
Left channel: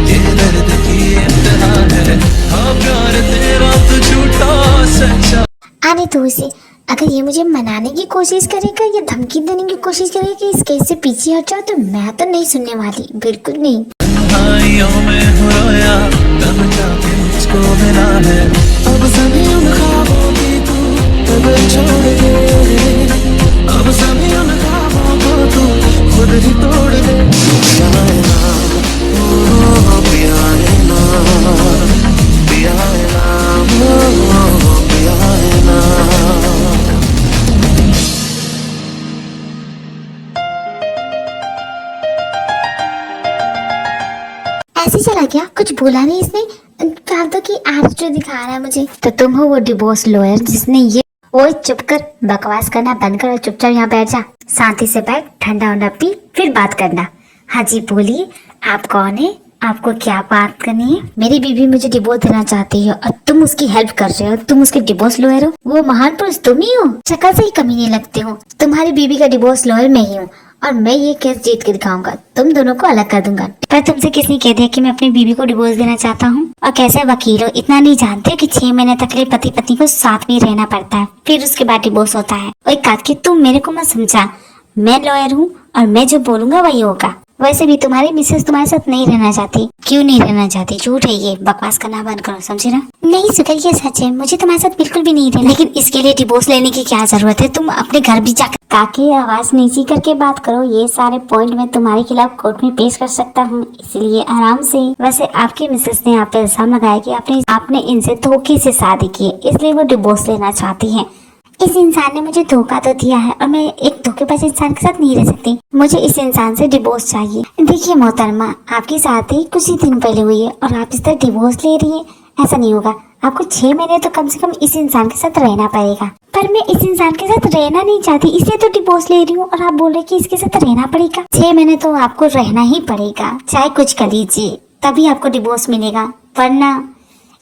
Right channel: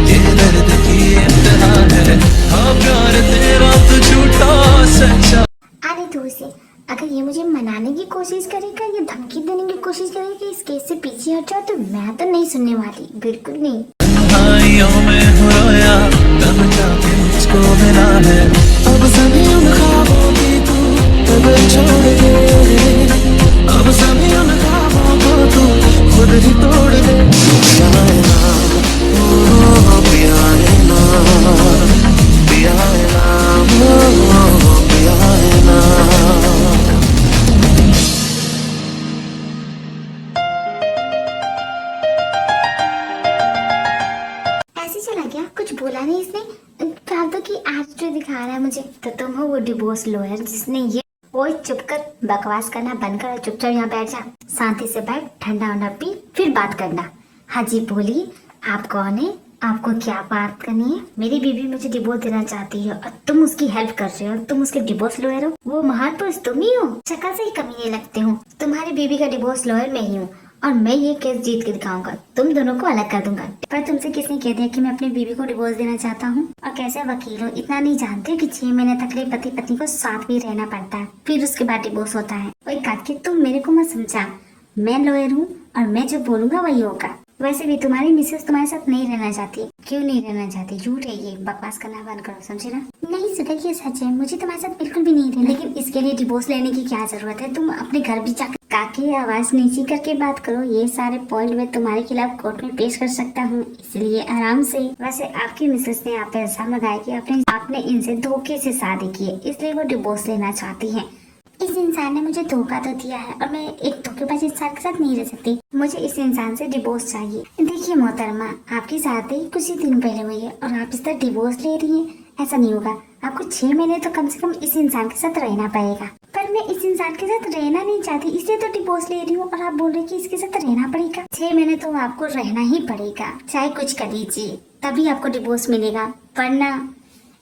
ये दर्द की इंतहा है। हाँ प्यार तेरा तो झूठा सच्चा। आने दो इसे। अगर ये मुझे मनाने की कोशिश करेगा या धमकी देने की कोशिश करेगा कि इस केस से पीछे हट जाओ, तो मैं तो नहीं सुनने वाली, बिल्कुल नहीं। तन्हाइयों में हो रोया तब जाके मुझको मिला है, अब सभी उन ख्वाबों की तू तब छोड़ दे, अब सभी उन ख्वाबों को तू खुद ही तोड़ दे। पिया है ना, ओ पिया है ना, पिया है ना, ओ पिया है ना। ऐसे चला गया, कुछ बोला नहीं इसने। कहा तो कि एटीट्यूड दिखा रहा है मुझे। तो तुम हो वो डिवोर्स लॉयर जिसने ये। ओए चुप कर, बकवास करना बंद कर, चुपचाप यहाँ बैठ जा, शांति से बैठ, ठंडा वंडा पी, फिर बात करना। हाँ जी बोलिए, आप कौन है, आपको क्या बात करनी है? मेरी बीवी मुझे डिवोर्स देना चाहती है और तुम उसकी हेल्प कर रहे हो, तुम उसके डिवोर्स लॉयर हो। वो महान पुरुष तुम ही हो, शक्ल से ही कमी नहीं लगते हो। तुम्हारी बीवी का डिवोर्स लॉयर मैं ही हूँ और मैं ये केस जीत के दिखाऊंगा, तुम दोनों को अलग कर दूंगा। पर तुमसे किसने कह दिया कि मैं अपनी बीवी को डिवोर्स देना चाहता हूँ? और कैसे वकील हो, इतना नहीं जानते हो कि 6 महीने तक के पति पत्नी को साथ में रहना पड़ता है, फिर उसके बाद डिवोर्स होता है। और एक बात की तुम मेरे को मत समझा, मैं लॉयर हूँ और मैं जो बोलूंगा वही होगा। वैसे भी तुम्हारी मिसेस तुम्हारे साथ नहीं रहना चाहती। क्यों नहीं रहना चाहती? झूठ है ये, बकवास करना बंद करो, समझे ना? नहीं सुधर, ये सच है, मुझे तुम्हारे साथ बिल्कुल भी नहीं रहना। लेकिन इसके लिए डिवोर्स लेने की क्या जरूरत है? तुम अपने घर भी जाकर काकी आवाज नीची करके बात करो। ये सारे पॉइंट मैं तुम्हारे खिलाफ कोर्ट में पेश कर सकता हूँ, इसलिए आराम से। वैसे आपकी मिसेस ने आप पे इल्जाम लगाया कि आपने इनसे धोखे से शादी की, इसलिए वो डिवोर्स लेना चाहती है। इस इंसान ने मुझे धोखा तो दिया है और मैं एक धोखेबाज इंसान के साथ नहीं रह सकती। मुझे इस इंसान से डिवोर्स चाहिए। देखिए मोहतरमा, आपकी शादी कुछ ही दिन पहले हुई है और आप इस तरह डिवोर्स ले रही है, ऐसा नहीं होगा। आपको 6 महीने तो कम से कम इस इंसान के साथ रहना पड़ेगा। पर मैं इस इंसान के साथ रहना नहीं चाहती, इसलिए तो डिवोर्स ले रही हूँ। और आप बोल रहे कि इसके साथ रहना पड़ेगा। 6 महीने तो आपको रहना ही पड़ेगा, चाहे कुछ कर लीजिए, तभी आपको डिवोर्स मिलेगा, वरना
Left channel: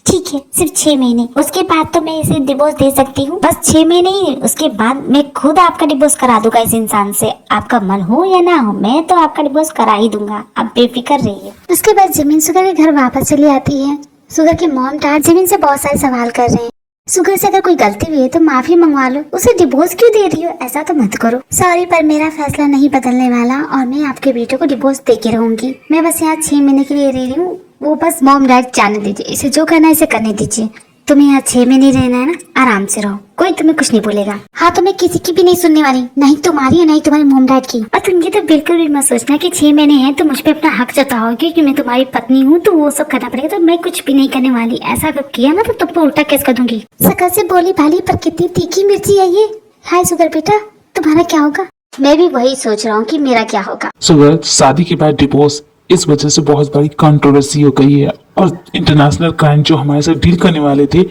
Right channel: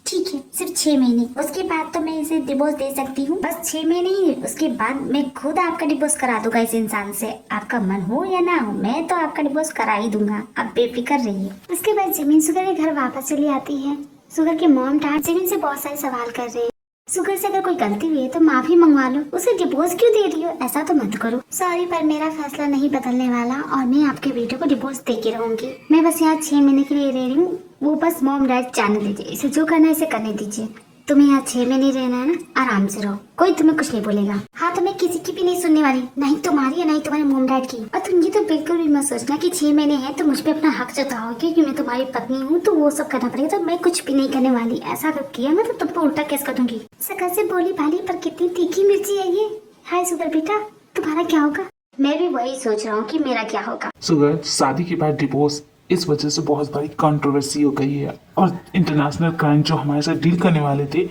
ठीक है सिर्फ 6 महीने। उसके बाद तो मैं इसे डिवोर्स दे सकती हूँ, बस 6 महीने ही। उसके बाद मैं खुद आपका डिवोर्स करा दूंगा इस इंसान से, आपका मन हो या ना हो, मैं तो आपका डिवोर्स करा ही दूंगा, आप बेफिक्र रहिए। उसके बाद जमीन सुगर के घर वापस चली आती है। सुगर की मॉम डैड जमीन से बहुत सारे सवाल कर रहे हैं। सुगर से अगर कोई गलती हुई है तो माफी मंगवा लो, उसे डिवोर्स क्यों दे रही हो? ऐसा तो मत करो। सॉरी, पर मेरा फैसला नहीं बदलने वाला और मैं आपके बेटे को डिवोर्स दे के रहूंगी। मैं बस यहाँ 6 महीने के लिए रह रही हूँ, वो बस मॉम डैड जाने दीजिए, इसे जो करना है इसे करने दीजिए। तुम्हें यहाँ 6 महीने रहना है ना, आराम से रहो, कोई तुम्हें कुछ नहीं बोलेगा। हाँ, तो मैं किसी की भी नहीं सुनने वाली, नहीं तुम्हारी है नहीं तुम्हारे मॉम डैड की। और तुम ये तो बिल्कुल भी मत सोचना कि 6 महीने हैं तो मुझ पे अपना हक जताओ, क्योंकि मैं तुम्हारी पत्नी हूँ तो वो सब करना पड़ेगा। तो मैं कुछ भी नहीं करने वाली, ऐसा अगर किया ना तो तुमको उल्टा केस कर दूंगी। सकल से बोली भाली पर कितनी तीखी मिर्ची है ये। हाय सुगर बेटा, तुम्हारा क्या होगा? मैं भी वही सोच रहा हूँ कि मेरा क्या होगा। सुगर, शादी के बाद डिवोर्स इस वजह से बहुत बड़ी कंट्रोवर्सी हो गई है और इंटरनेशनल क्राइम जो हमारे साथ डील करने वाले थे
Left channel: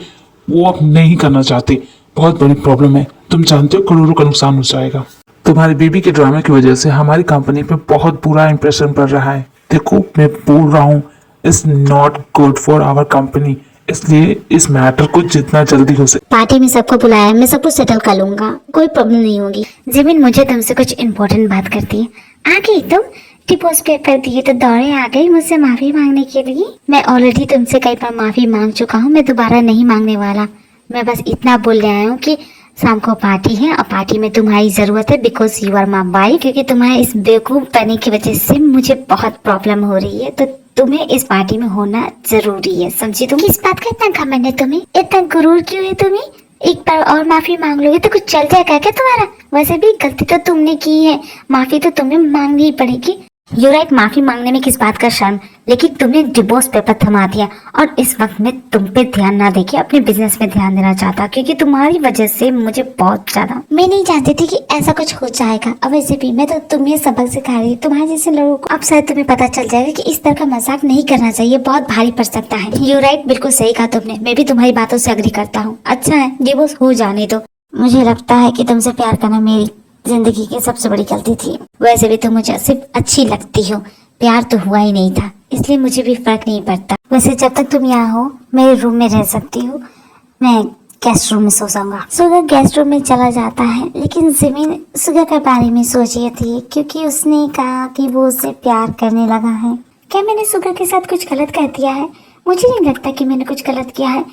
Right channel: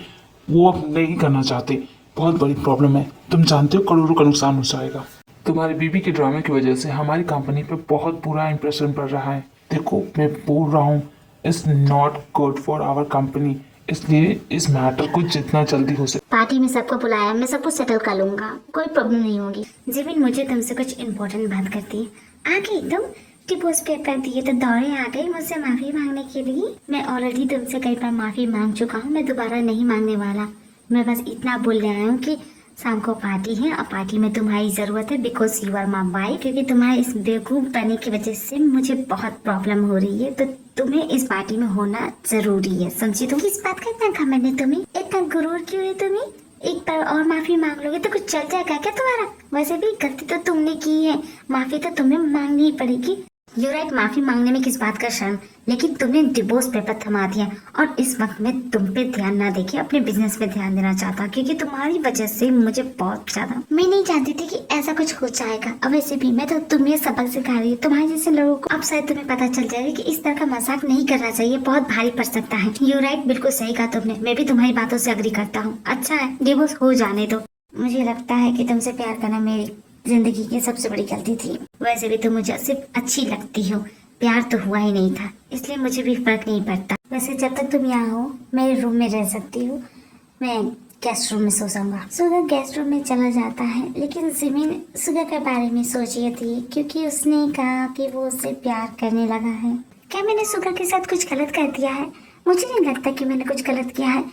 वो अब नहीं करना चाहते। बहुत बड़ी प्रॉब्लम है, तुम जानते हो करोड़ों का नुकसान हो जाएगा। तुम्हारी बीबी के ड्रामे की वजह से हमारी कंपनी पे बहुत बुरा इंप्रेशन पड़ रहा है। देखो मैं बोल रहा हूँ, it's not good for our company, इसलिए इस मैटर को जितना जल्दी हो सके। पार्टी में सबको बुलाया, मैं सब कुछ सेटल कर लूंगा, कोई प्रॉब्लम नहीं होगी। जिमिन मुझे तुमसे कुछ इम्पोर्टेंट बात करती है। आ गई तुम? डिवोर्स पेपर दिए तो दौड़े आ गई मुझसे माफी मांगने के लिए। मैं ऑलरेडी तुमसे कई बार माफी मांग चुका हूँ, मैं दोबारा नहीं मांगने वाला। मैं बस इतना बोल आया हूँ कि शाम को पार्टी है और पार्टी में तुम्हारी जरूरत है, because you are my wife. क्योंकि तुम्हारे इस बेवकूफ बनने की वजह से मुझे बहुत प्रॉब्लम हो रही है, तो तुम्हें इस पार्टी में होना जरूरी है, समझी तुम? किस बात का इतना घमंड है तुम्हें? इतना गुरूर क्यों है तुम्हें? एक बार और माफी मांग लोगे तो कुछ चल जाएगा क्या तुम्हारा? वैसे भी गलती तो तुमने की है, माफी तो तुम्हें मांगनी ही पड़ेगी। यू राइट, माफी मांगने में किस बात का शर्म, लेकिन तुमने डिवोर्स पेपर थमा दिया और इस वक्त में तुम पे ध्यान ना देके अपने बिजनेस पे ध्यान देना चाहता, क्योंकि तुम्हारी वजह से मुझे बहुत ज्यादा, मैं नहीं जानती थी कि ऐसा कुछ हो जाएगा। अब वैसे भी मैं तो तुम्हें सबक सिखा रही हूँ, तुम्हारे जैसे लोगों को अब शायद तुम्हें पता चल जाएगा कि इस तरह का मजाक नहीं करना चाहिए, बहुत भारी पड़ सकता है। यू राइट, बिल्कुल सही कहा तुमने, मैं भी तुम्हारी बातों से अग्री करता हूँ। अच्छा है, डिवोर्स हो जाने दो। मुझे लगता है कि तुमसे प्यार करना मेरी जिंदगी की सबसे बड़ी गलती थी। वैसे भी तुम मुझे सिर्फ अच्छी लगती हो, प्यार तो हुआ ही नहीं था, इसलिए मुझे भी फर्क नहीं पड़ता। वैसे जब तक तुम यहाँ हो मेरे रूम में रह सकती हो, मैं गेस्ट रूम में सो जाऊंगा। सुगर गेस्ट रूम में चला जाता है, लेकिन जिमिन सुगर के बारे में सोच रही थी, क्योंकि उसने कहा कि वो उससे प्यार करने लगा है। क्या मैंने सुगर के साथ कुछ गलत कर दिया है? मुझे नहीं लगता कि मैंने कुछ गलत किया है।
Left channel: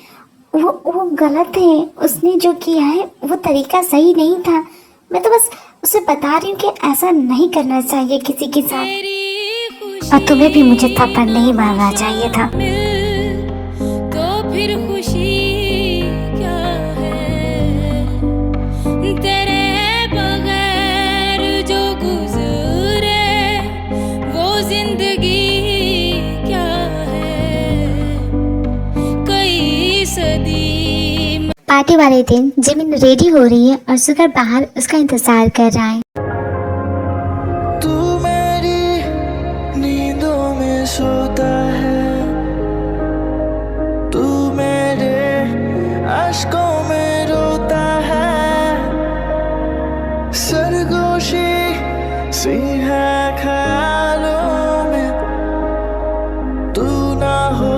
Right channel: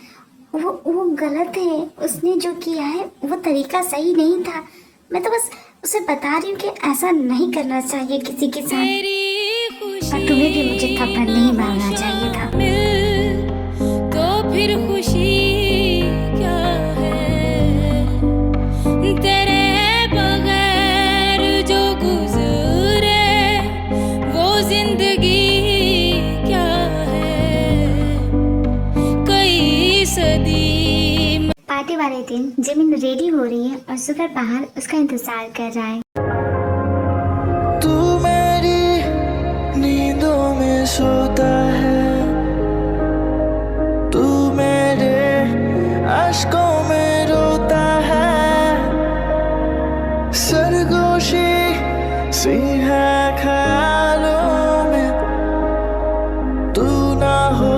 वो गलत है, उसने जो किया है वो तरीका सही नहीं था। मैं तो बस उसे बता रही हूँ कि ऐसा नहीं करना चाहिए किसी के साथ, और तुम्हें भी मुझे थप्पड़ नहीं मारना चाहिए था। तो फिर खुशी क्या है तेरे बगैर जो गुजरे, वो जिंदगी क्या है कई सदी। पार्टी वाले दिन जिमिन रेडी हो रही है और सुगर बाहर उसका इंतजार कर रहा है। तू मेरी नींदों में सोता है, तू मेरे अश्कों में रोता है, सरगोशी सी है ख्यालों में, तू ना हो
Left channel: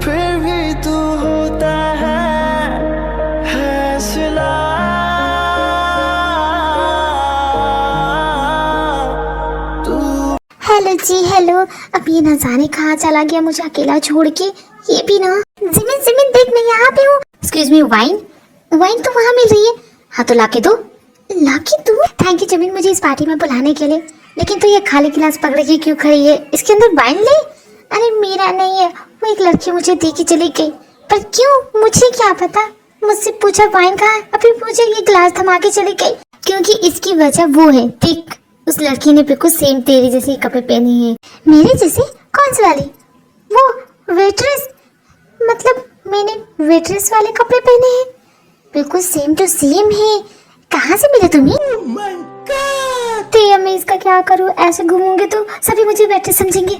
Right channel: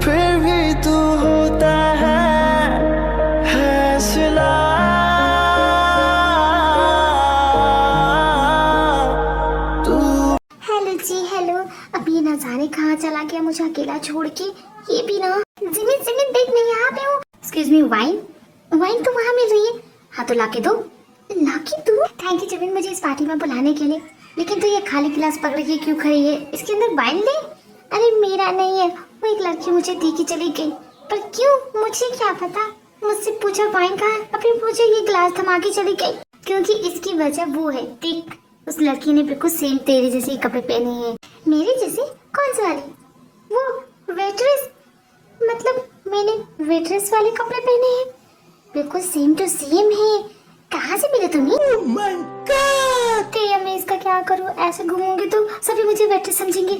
फिर भी तू होता है सिला। हेलो जी हेलो, अब ये न जाने कहाँ चला गया मुझे अकेला छोड़ के। ये भी ना, जिमिन जिमिन देख मैं यहाँ पे हूँ। एक्सक्यूज मी, वाइन वाइन तो वहाँ मिल रही है। हाँ तो लाके दो, लाके दो। थैंक यू जिमिन मुझे इस पार्टी में बुलाने के लिए, लेकिन तो ये खाली गिलास पकड़ के क्यों खड़ी है? इसके अंदर वाइन ले। अरे मेरा नहीं है, वो एक लड़की मुझे दे के चली गई। पर क्यों, मुझे क्या पता? मुझसे पूछा वाइन कहाँ है, अभी मुझे ये गिलास थमा के चली गई। क्योंकि इसकी वजह वो है, देख उस लड़की ने बिल्कुल सेम तेरी जैसे कपड़े पहने हैं। मेरे जैसे? कौन सी वाली? वो वेट्रेस, मतलब मैंने वेट्रेस वाले कपड़े पहने हैं, बिल्कुल सेम टू सेम है। कहाँ से मिले तुम्हें? Oh my God! तो मैं इसका क्या करूँ? ऐसे घूमूंगी तो सभी मुझे वेट्रेस समझेंगे।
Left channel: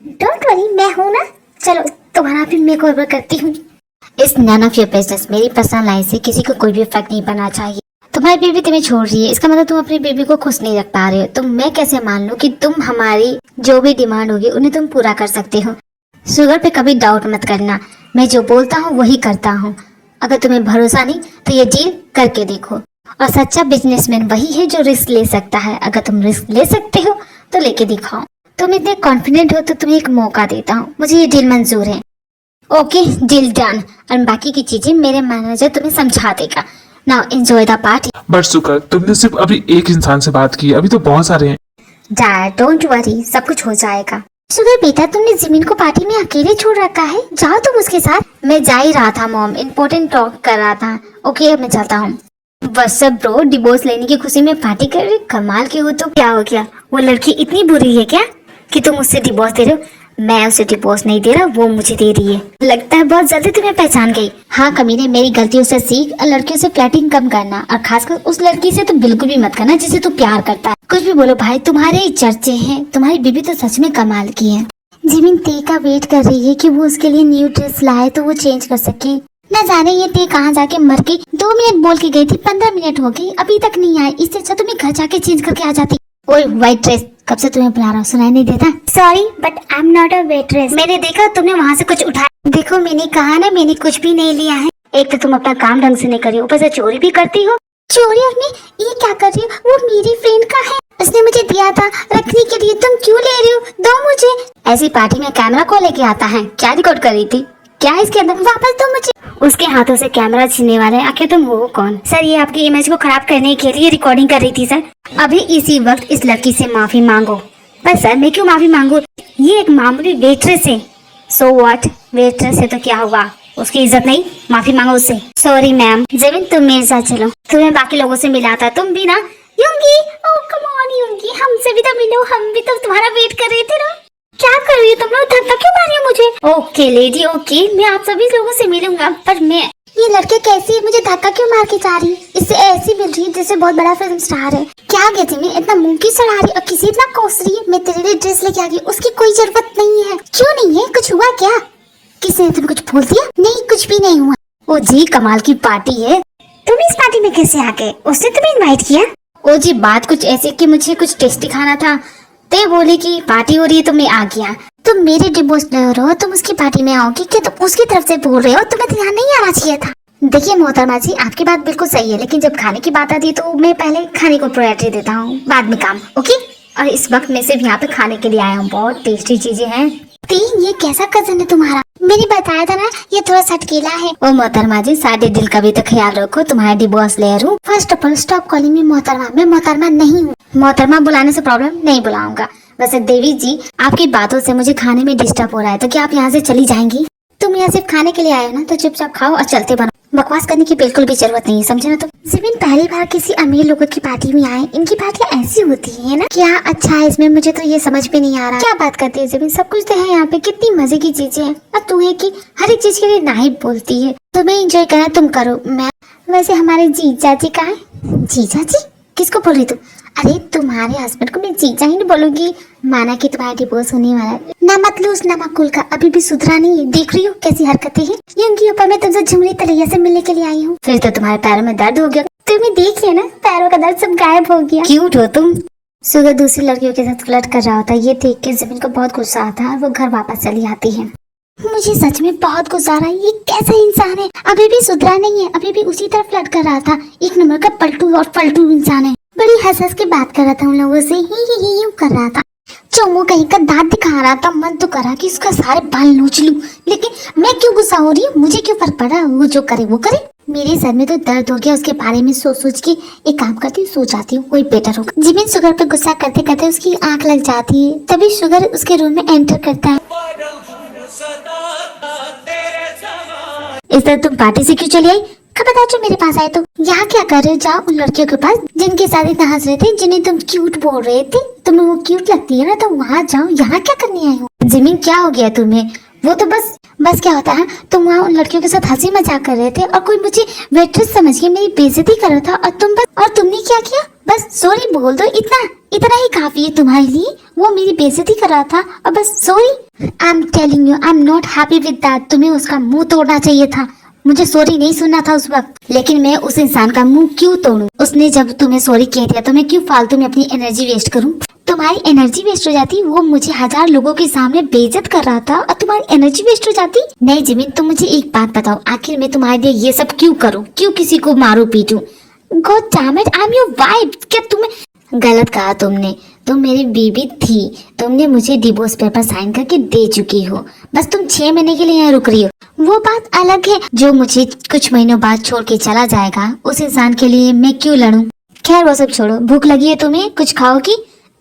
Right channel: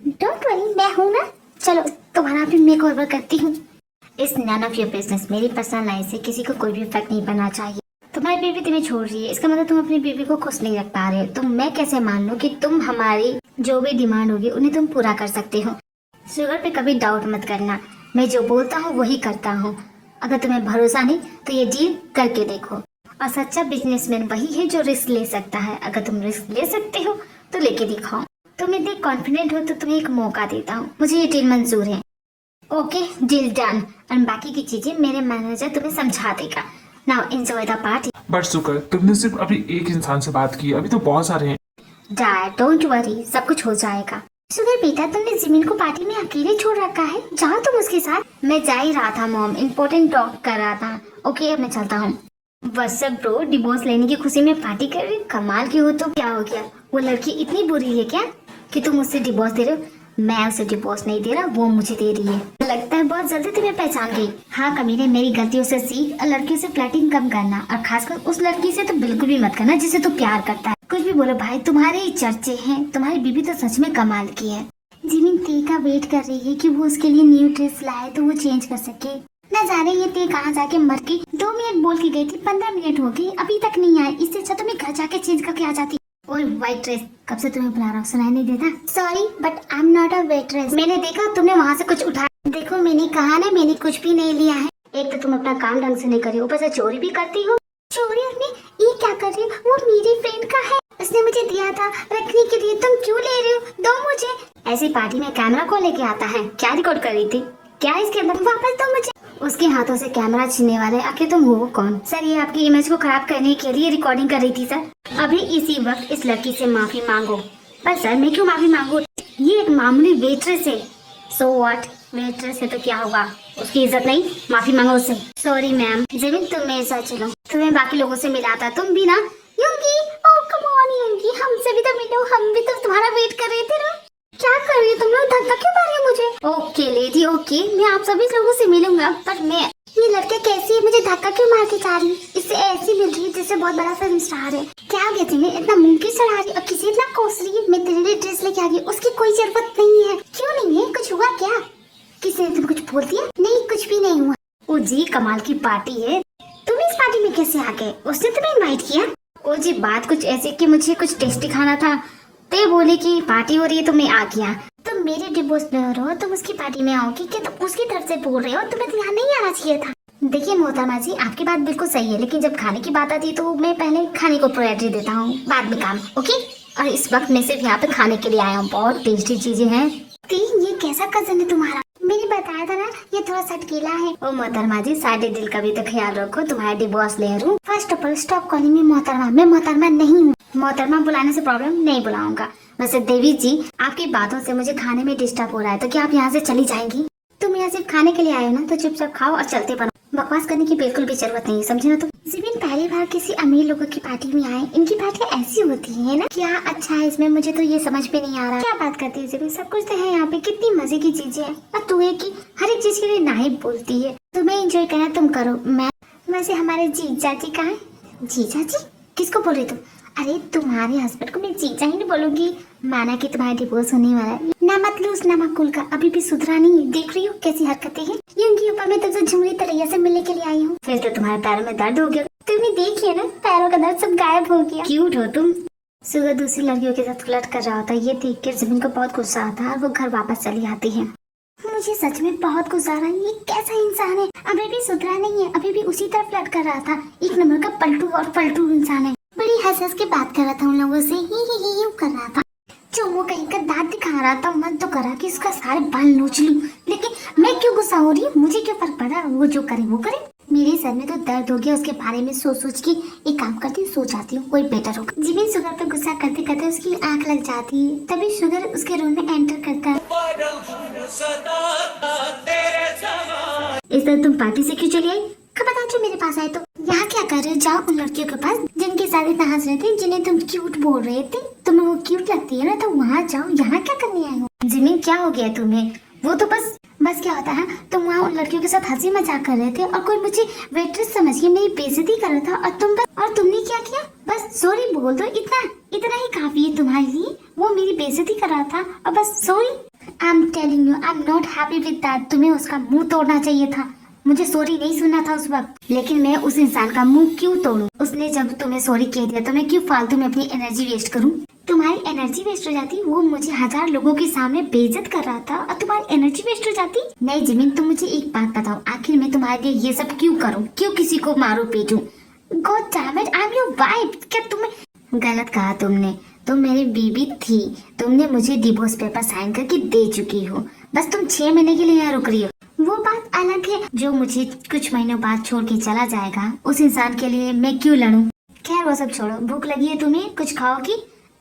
डोंट वरी, मैं हूँ ना। चलो तुम्हारा भी मैं ओवर करती हूँ। इस नन ऑफ योर बिजनेस, मेरी पर्सनल लाइफ से किसी को कोई भी फर्क नहीं पड़ना चाहिए। तुम्हारी बेबी तुम्हें छोड़ रही है, इसका मतलब तुम अपनी बेबी को खुश नहीं रख पा रहे हो। तो मैं कैसे मान लूं कि तुम हमारी जो भी डिमांड होगी उन्हें तुम पूरा कर सकते हो? सुगर पे कभी डाउट मत करना, मैं जो बोलता हूँ वही करता हूँ। अगर तुम्हें भरोसा नहीं तो ये डील करके देखो। और सच्चा बिजनेसमैन वही है जो रिस्क ले सकता है। अगर तुम रिस्क ले सकते हो तो लेके दिखाओ। तुम इतने कॉन्फिडेंट हो तो तुम्हें एक मौका देता हूँ, मुझे ये डील मंजूर है। Okay, deal done. और बाकी की चीजें मेरे मैनेजर तुम्हें समझा देगा। Now enjoy the party. But सुकर, तुमने सिर्फ अभी एक इंसान से बात की, अभी तो बहुत सारे हैं। डैड डोंट वरी, सब कुछ हो जाएगा। सुगर बेटा, तुमने जिमिन को पार्टी में अकेले छोड़ रखा है, जाओ तुम उसके साथ। मैं जा ही रहा था मॉम, इम्पोर्टेंट टॉक कर रहा था। ओके अब मैं चलता हूँ। व्हाट्सएप ब्रो, डिवोर्स लेने की खुशी में पार्टी कर रही? कमाल के हो। तो क्या हो गया, वो लड़की इतनी बुरी है क्या कि तुम उससे डिवोर्स दे रहे हो? मैं उसे डिवोर्स नहीं दे रहा, वो मुझे दे रही है। लगता है बहुत जल्दी तुम्हें पहचान गई। हाँ कमीने, मेरी गलतियों से सीख और लड़कियों से फ्लर्टिंग कम करना, और खासकर उस लड़की से तो बिल्कुल भी मत करना जिसे तू प्यार करता है। कुछ भी बोलो भाई, तुम्हारे ही चर्चे हैं। तुम्हारी बीबी तो सच में कमाल की है। जिमिन ते का वेट कर रही है कि वो उसके लिए न्यू ड्रेस लाए तो वो चेंज कर सके। न जाने ये ते कहाँ जाके मर गई। 2 मिनट बोल के गई थी, 15 मिनट हो गई, अभी तक नहीं आई। इससे अच्छा तुम्हें घर जाके चेंज करके आ जाती। ओए व्हाइट ड्रेस, कब से तुम्हें बुला रहा हूँ, सुनाई नहीं देता? Sorry but I am not a waitress. मैंने देखा तुमने वहाँ से कुछ उठाया। देखो मैंने कहा ना, मैंने कुछ भी नहीं लिया है। एक तो तुम अपना काम ढंग से नहीं कर रही हो, ऊपर से चोरी भी करती हो। चोरी? और मैं ये क्या कर रही हूँ? वो मेरी फ्रेंड का है, उसने मुझे दिया था रखने के लिए। तुम क्यों ले रही हो? दो मुझे। ऐसी पार्टी में कैमरा को लेके आता है? क्या रिकॉर्ड कर रही थी? क्या है इसके अंदर? वापस दो मुझे। उसके हाथों से कैमरा छीनने वाले आखिर तुम हो कौन? सर ये आपकी इमेज को खराब करने के लिए रिकॉर्डिंग कर रही थी सर। अभी इसी वक्त इस लड़की से माफी मांगो। पर सर मैं क्यों माफी मांगू? ये एक मामूली वेट्रेस है। सो व्हाट, वेट्रेस है तो क्या हुआ, उसकी इज्जत नहीं, माफी मांगो उससे। Sorry ma'am. जमीन तुम मेरे साथ चलो, तुम्हें बाकी लोगों से मिला था, तुम भी ना। योंगी, ओह कम ऑन योंगी, हमसे भी तो मिलो, हम भी तो तुम्हारा वेट कर रहे थे ना। क्या कर रही हो तुम लोग, धक्का क्यों मारी हो मुझे? ओके लेडी ओके, मैं आप सभी लोगों से मिलूंगा, पर मैं ये लड़के कैसी है, मुझे धक्का क्यों मार के जा रही है? इससे ऐसी मिल रही है जैसे बहुत बड़ा फिल्म स्टार है। क्या कहती मैं इतना मुंह की सड़ा रही और किसी इतना कोस रही है। मैं तेरे लिए ड्रेस लेके आ गई, उसकी कोई जरूरत नहीं है। क्यों नहीं है, कुछ हुआ क्या? किसी ने तुम्हें कुछ बोल दिया? नहीं कुछ भी नहीं हुआ। ओ जी कमाल की पार्टी है, तुम इस पार्टी में कैसे आ गए? उसने तुम्हें इनवाइट किया? ओ जी बात कुछ ऐसी कि मुझे कुछ टेस्टी खाना था, तो ये बोले कि पार्टी हो रही है तो मैं आ गया। तुम मेरे डिवोर्स लवर हो, तुम उसकी पार्टी में आओगी क्या? तुम उसकी तरफ से बोल रहे हो, तुम्हें ध्यान नहीं आना चाहिए था। देखिए मोहतरमा जी, आपकी बात बिल्कुल सही है, लेकिन जब खाने की बात आती है तो मैं पहले खाने को प्रायोरिटी देता हूँ, बाद में काम। ओके, और इस वक्त मैं सिर्फ यहाँ पे खाने के लिए आया हूँ, बहुत टेस्टी चीजें हैं। ये कैसा कजन है तुम्हारा? मैंने बताया था ना ये थोड़ा सटकीला है। ओ मोहतरमा जी, सारे दिल का भी तो ख्याल रखो, तुम्हारा डिवोर्स लेयर हूँ। First of all stop calling me मोहतरमा, मैं मोहतरमा नहीं हूँ। मोहतरमा बुलाने से प्रॉब्लम नहीं, बुलाऊंगा। वैसे देवी जी, आपकी बातों से मुझे खाने में डिस्टर्ब हो रहा है, तो क्या आप यहाँ से चली जाएंगी? तुम यहाँ सिर्फ खाने के लिए आए हो ना, तो चुपचाप खाओ और चलते बनो। बकवास करने की बिल्कुल भी जरूरत नहीं है, समझे ना तुम? जिबिन पहली बार किसी अमीर लोगों की पार्टी में आए, इनकी पार्टियां ऐसी होती है ना? क्या अच्छा है इसमें, मुझे तो ये समझ में नहीं आ रहा। क्या बात करती है जिबिन, सब कुछ तो है यहाँ पे, कितनी मजे की चीजें हैं, और तू है कि हर एक चीज के लिए नहीं बोलती है। तुम्हें एंजॉय करना तुम करो। मैं वैसे हमारे जीजा जी कहाँ है? जीजा जी किसको बोल रही तुम? अरे तुम्हारे हस्बैंड को मैं जीजा ही नहीं बोलूंगी, माना कि तुम्हारा डिवोर्स होने वाला है ना। मत लो उस नमकुल का, अभी भी सुधरा नहीं है। देख रही हो कैसी हरकतें हैं। योंगी ऊपर मैं तुमसे झुमरी तलैया से मिलने के लिए आई हूँ, फिर तो तुम्हारे पैरों में दर्द हो गया। तुम्हें देखिए ना, पैरों का दर्द सब गायब हो गया। क्यूट हो तुम। सुगर दूसरी लड़कियों के साथ फ्लर्ट कर रहा होता है, ये देख के जमीन को बहुत गुस्सा आता है और वो घर वापस चली आती है। मुझे सच में बहुत गुस्सा आ रहा है, ये कैसा इंसान है, अभी भी सुधरा नहीं है, अभी भी उसी तरह फ्लर्ट कर रहा था। एक नंबर का पलटू और पलटू इंसान है। बड़ी हंस हंस के बात कर रहा था उन लोगों से, ही कर रहा था। चोमू कहीं का दांत दिखा रहा था, मन तो करा कि उसका सारे बाल नोच लूं, लेकिन मैं क्यों गुस्सा हो रही हूँ? मुझे क्यों फर्क पड़ा, वो जो करे वो करे। मेरे सर में तो दर्द हो गया उसके बारे में सोच सोच के। एक काम करती हूँ, सो जाती हूँ, कोई बेटर होगा। जिमिन शुगर पे गुस्सा करते करते उसकी आंख लग जाती है, तभी शुगर उसके रूम में एंटर करता है। इस तरह तुम पार्टी से क्यों चली आई? खबरदार जो मेरे पास आए तो। यहाँ क्या कर रहे हो? जाओ उन लड़कियों के पास जिनके साथ इतना हंस रहे थे, जिन्हें तुम क्यूट बोल रहे थे। तुम्हें वो क्यूट लगती है ना, तो वहाँ जाओ। यहाँ क्या करने आए हो? जिमिन क्या हो गया तुम्हें? वो तो बस क्या होता है, तुम वहाँ उन लड़कियों के साथ हंसी मजाक कर रहे थे और कोई मुझे वेट्रेस समझ के मेरी बेइज्जती कर रहा था, और तुमने क्या किया? बस सॉरी बोल दो, इतना ही काफी है तुम्हारे लिए। वो मेरी बेइज्जती कर रहा था और बस sorry. I am telling you, I am not happy with that. तुम्हें उसका मुंह तोड़ना चाहिए था, मुझे सॉरी नहीं सुनना था उस वक्त। लेकिन मैं उस इंसान का मुंह क्यों तोड़ूं? उसने जब तुम्हें सॉरी कह दिया तो मैं क्यों फालतू में अपनी एनर्जी वेस्ट करूं? तुम्हारी एनर्जी वेस्ट हो जाती, वो मुझे 1000 लोगों के सामने बेइज्जत कर रहा था और तुम्हारी एनर्जी वेस्ट हो जाती। नहीं जिमिन, तुम मुझे एक बात बताओ, आखिर मैं तुम्हारे लिए ये सब क्यों करूं? क्यों किसी को मारूं पीटूं? God damn it, I am your wife. क्या तुम्हें गलत कहा? तुम मेरी बीवी थी, तुमने मुझे डिवोर्स पेपर साइन करके दे चुकी हो, बस तुम 6 महीने के लिए यहाँ रुक रही हो। वो बात अलग है, जो मुझे कुछ महीनों बाद छोड़ के चला जाएगा, उस इंसान के लिए मैं क्यों लड़ूं? खैर वो सब छोड़ो, भूख लगी है तुम्हें, कुछ खाओगी?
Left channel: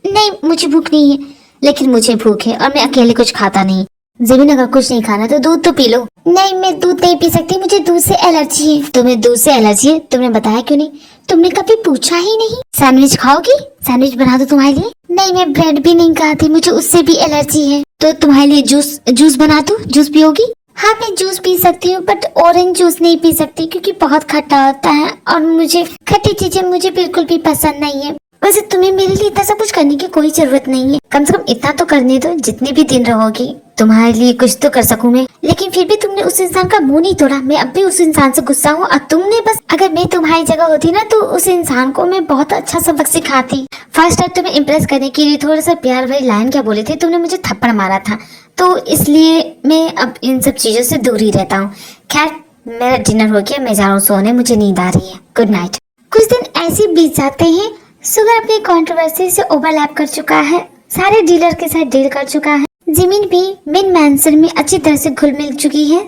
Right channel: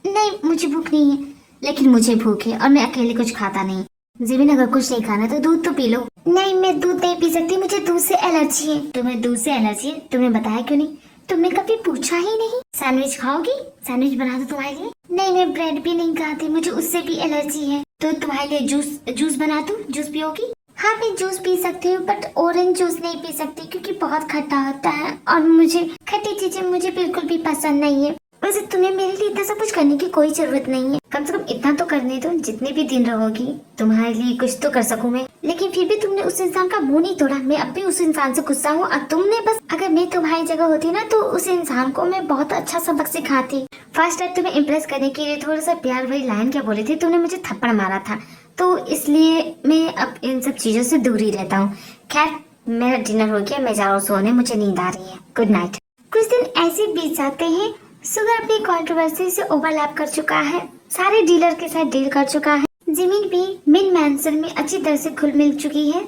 नहीं मुझे भूख नहीं है, लेकिन मुझे भूख है और मैं अकेले कुछ खाता नहीं। ज़मीन अगर कुछ नहीं खाना तो दूध तो पी लो। नहीं मैं दूध नहीं पी सकती, मुझे दूध से एलर्जी है। तुम्हें दूध से एलर्जी है? तुमने बताया क्यों नहीं? तुमने कभी पूछा ही नहीं। सैंडविच खाओगी? सैंडविच बना दो तुम्हारे लिए। नहीं मैं ब्रेड भी नहीं खाती, मुझे उससे भी एलर्जी है। तो तुम्हारे लिए जूस बना दो, जूस पियोगी? हाँ मैं जूस पी सकती हूँ, बट ऑरेंज जूस नहीं पी सकती क्योंकि बहुत खट्टा होता है और मुझे खट्टी चीजें मुझे बिल्कुल भी पसंद नहीं है। वैसे तुम्हें मेरे लिए इतना सब कुछ करने की कोई जरूरत नहीं है, कम से कम इतना तो करने दो, जितने भी दिन रहोगी तुम्हारे लिए कुछ तो कर सकूं मैं। लेकिन फिर भी तुमने उस इंसान का मुंह नहीं तोड़ा। मैं अब भी उस इंसान से गुस्सा हूँ और तुमने बस, अगर मैं तुम्हारी जगह होती ना तो उस इंसान को मैं बहुत अच्छा सबक सिखाती। फर्स्ट टाइम तुम्हें इम्प्रेस करने के लिए थोड़ा सा प्यार भरी लाइन क्या बोले थे, तुमने मुझे थप्पड़ मारा था, तो इसलिए मैं अब इन सब चीजों से दूर ही रहता हूँ। खैर मेरा डिनर हो गया, मैं जा रहा हूँ सोने, मुझे नींद आ रही है। Good night. कुछ दिन ऐसे बीत जाते हैं। सुगर अपनी कंट्रोवर्सी से ओवरलैप कर चुका है, सारे डीलर के साथ डील कर चुका है। जिमिन भी मिन मैंसन में अच्छी तरह से घुल मिल चुकी है।